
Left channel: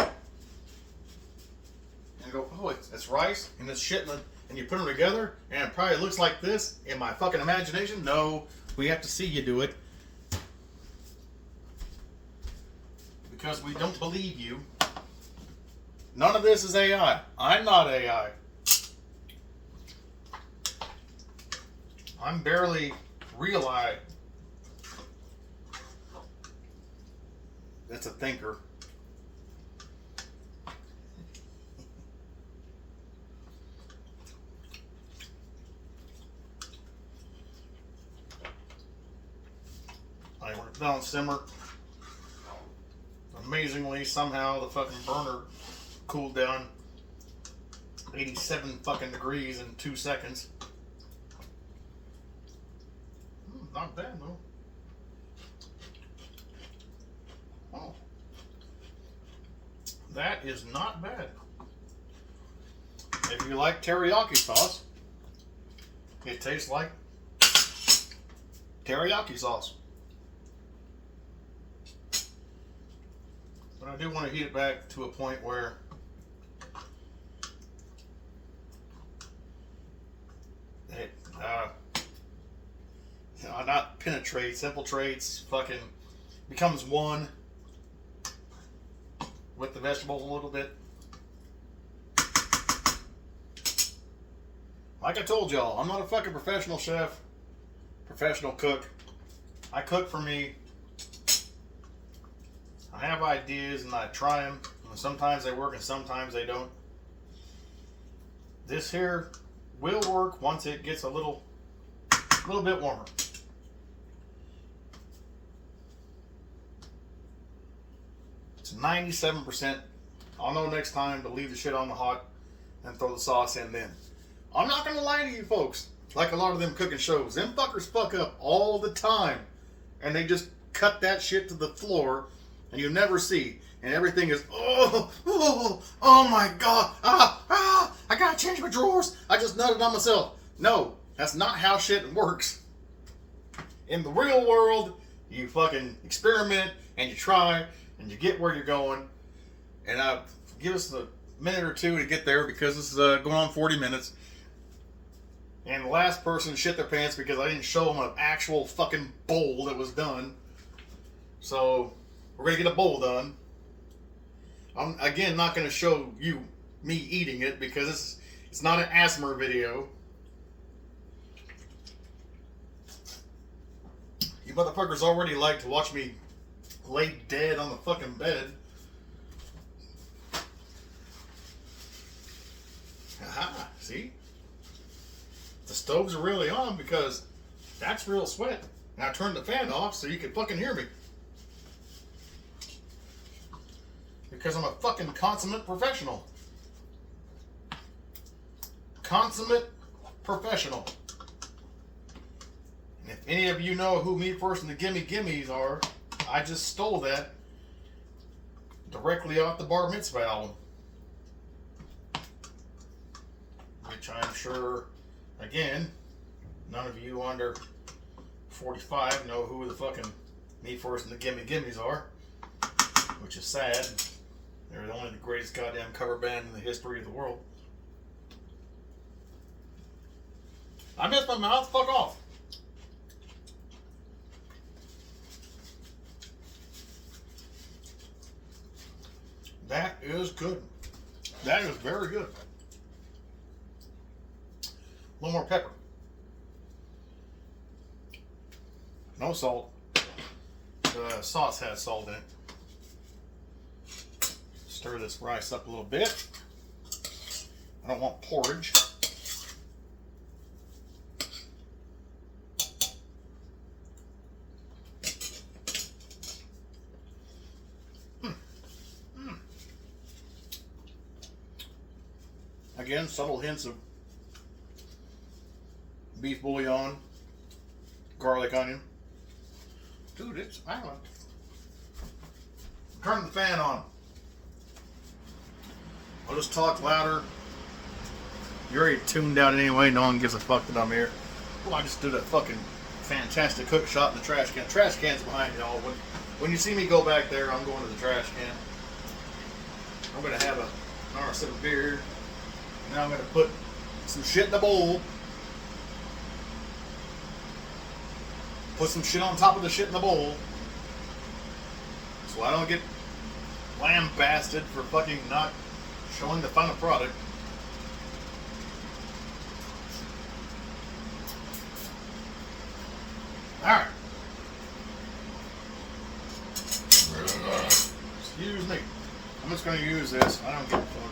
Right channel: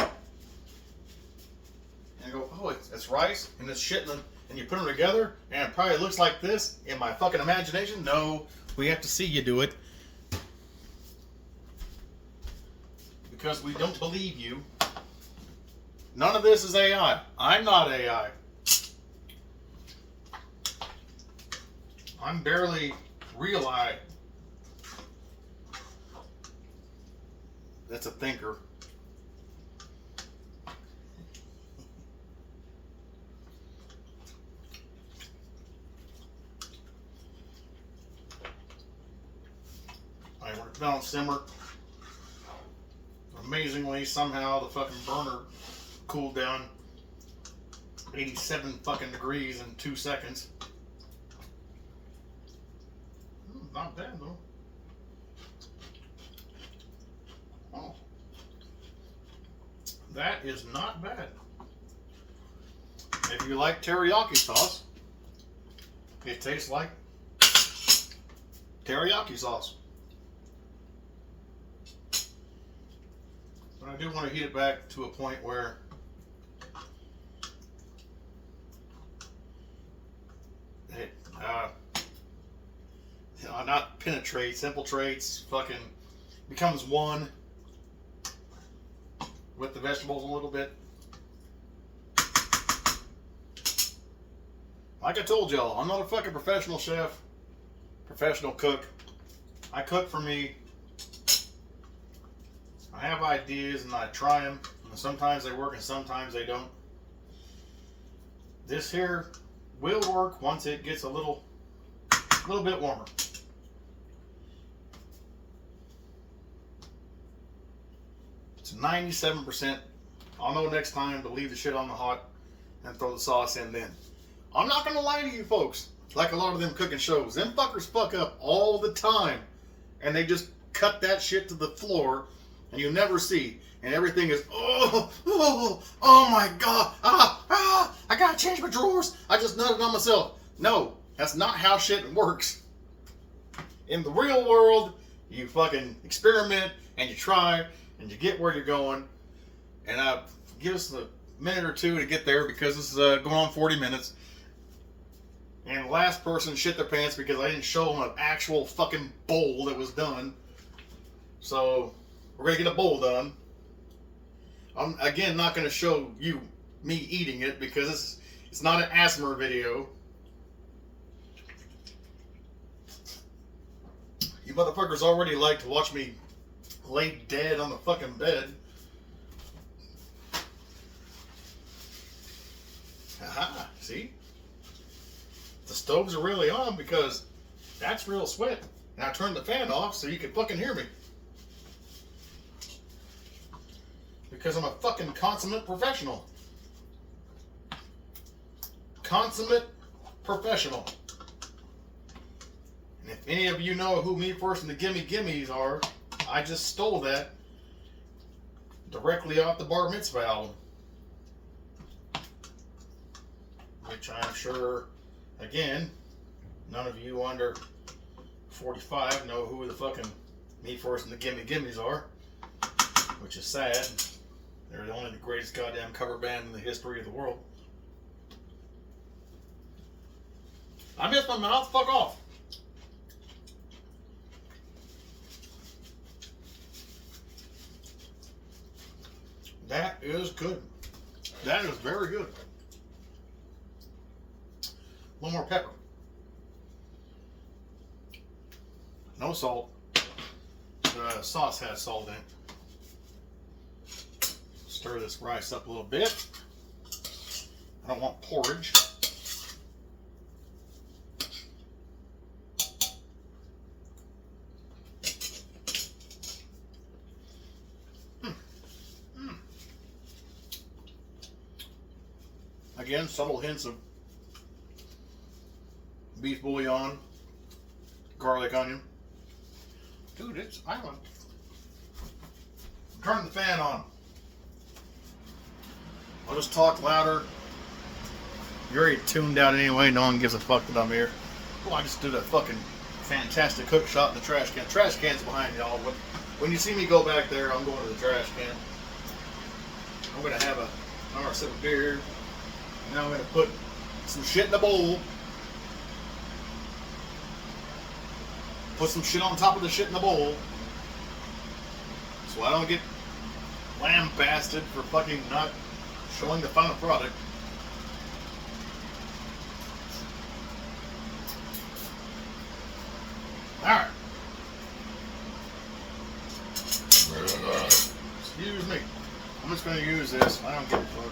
And go, oh, it's rice and it's shit, and you put them together and it probably looks like this in my fucking imagination. No, we have to see you do it because we don't believe you. None of this is AI. I'm not AI. I'm barely real eye. That's a thinker. I went down simmer. Amazingly, somehow the fucking burner cooled down 87 fucking degrees in 2 seconds. Not bad though. Oh, that is not bad. If you like teriyaki sauce, it tastes like teriyaki sauce. But I do want to heat it back to a point where it not penetrates, infiltrates, fucking becomes one with the vegetables a little bit. Like I told y'all, I'm not a fucking professional chef, professional cook. I cook for me. I have ideas and I try them. And sometimes they work and sometimes they don't. This here will work once it gets a little bit warmer. It's 97%. I'll know next time to leave the shit on the hot and throw the sauce in then. I'm not going to lie to you folks. Like a lot of them cooking shows. Them fuckers fuck up all the time. And they just cut that shit to the floor and you never see. And everything is, oh my God. I got to change my drawers. I just nutted on myself. No, that's not how shit works. In the real world, you fucking experiment and you try and you get where you're going. And give us a minute or two to get there because this is going on 40 minutes. And the last person shit their pants because I didn't show them an actual fucking bowl that was done. So, We're going to get a bowl done. I'm, again, not going to show you me eating it because it's not an ASMR video. You motherfuckers already like to watch me lay dead on the fucking bed. Aha, see? The stoves are really on because that's real sweat. And I turned the fan off so you can fucking hear me. Because I'm a fucking consummate professional. Consummate professional. And if any of you know who Me First and the Gimme Gimmes are, I just stole that directly off the Bar Mitzvah album. Which I'm sure, again, none of you under 45 know who the fucking Me First and the Gimme Gimmes are. Which is sad. They're only the greatest goddamn cover band in the history of the world. I missed my mouth. Fuck off. That is good. That is very good. A little more pepper. No salt. The sauce has salt in it. Stir this rice up a little bit. I don't want porridge. Again, subtle hints of beef bouillon, garlic, onion. Dude, it's island. Turn the fan on. I'll just talk louder. You're already tuned out anyway. No one gives a fuck that I'm here. Well, I just did a fucking fantastic hook shot in the trash can. Trash can's behind y'all. When you see me go back there, I'm going to the trash can. I'm going to have another sip of beer. Now I'm going to put some shit in the bowl. Put some shit on top of the shit in the bowl. So I don't get lambasted for fucking not showing the final product. Alright. Excuse me. I'm just going to use this. I don't give a fuck.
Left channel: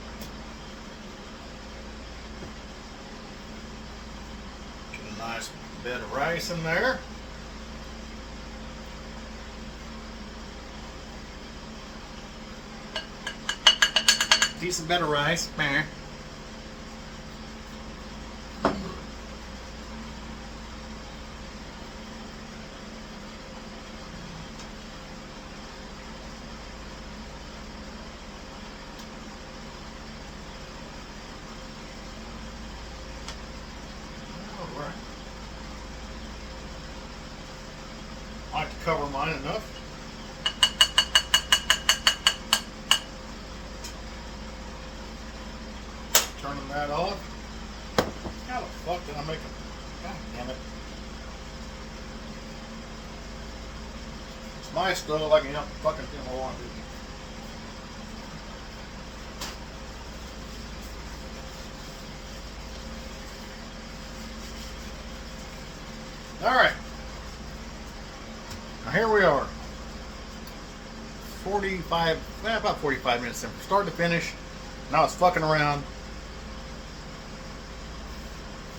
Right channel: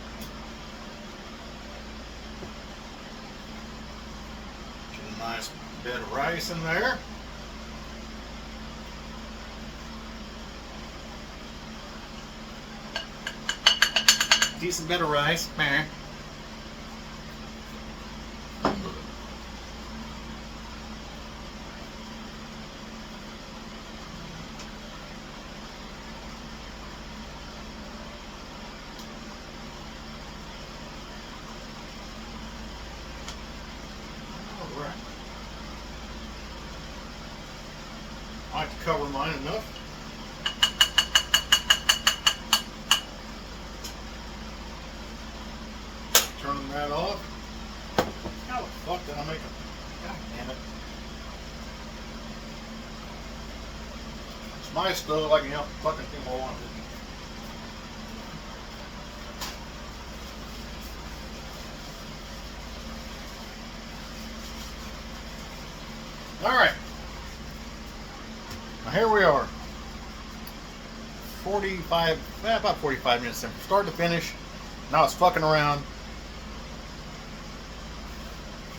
Get a nice bit of rice in there. Decent bit of rice. Alright. I like to cover mine enough. Turning that off. How the fuck did I make a... God damn it. It's my stove. I can help fucking do what I want to. Alright. Now here we are. 45, about 45 minutes in. From start to finish. Now it's fucking around.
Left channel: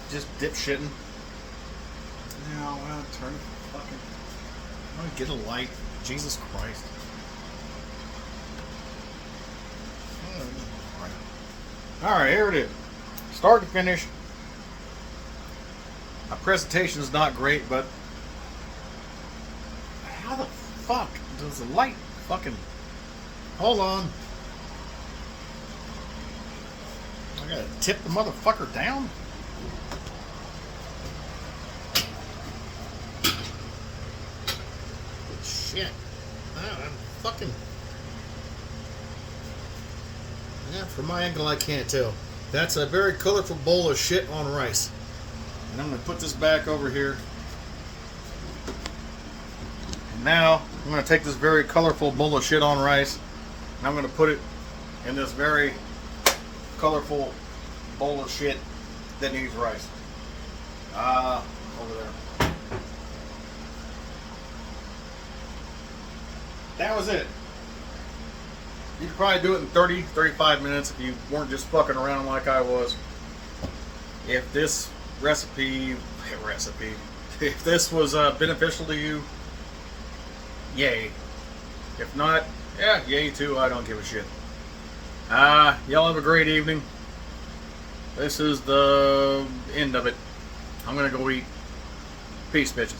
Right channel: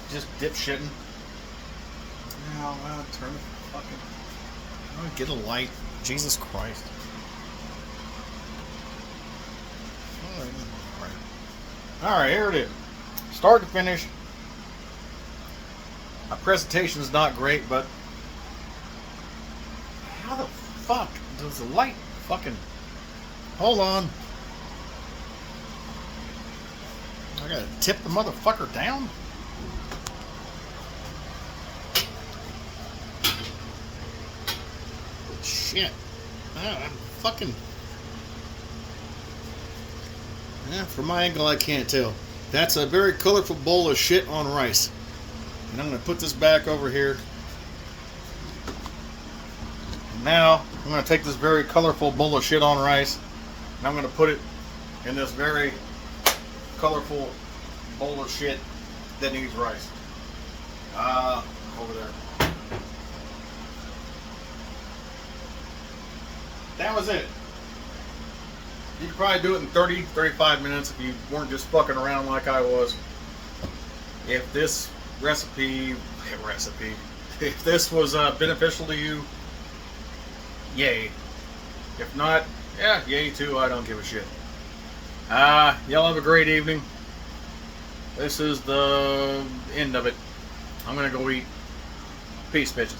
Just dipshitting. Now, turn the fucking... get a light. Jesus Christ. Alright, here it is. Start to finish. My presentation is not great, but... How the fuck does the light fucking... Hold on. I gotta tip the motherfucker down? Shit. I'm fucking... from my angle, I can't tell. That's a very colorful bowl of shit on rice. And I'm going to put this back over here. Now I'm going to take this very colorful bowl of shit on rice, and I'm going to put it in this very colorful bowl of shit that needs rice. Over there. That was it. You could probably do it in 30, 35 minutes if you weren't just fucking around like I was. If this recipe, if this was beneficial to you, yay. If not, yeah, yay too, I don't give a shit. Y'all have a great evening. This is the end of it. I'm gonna go eat. Peace, bitches.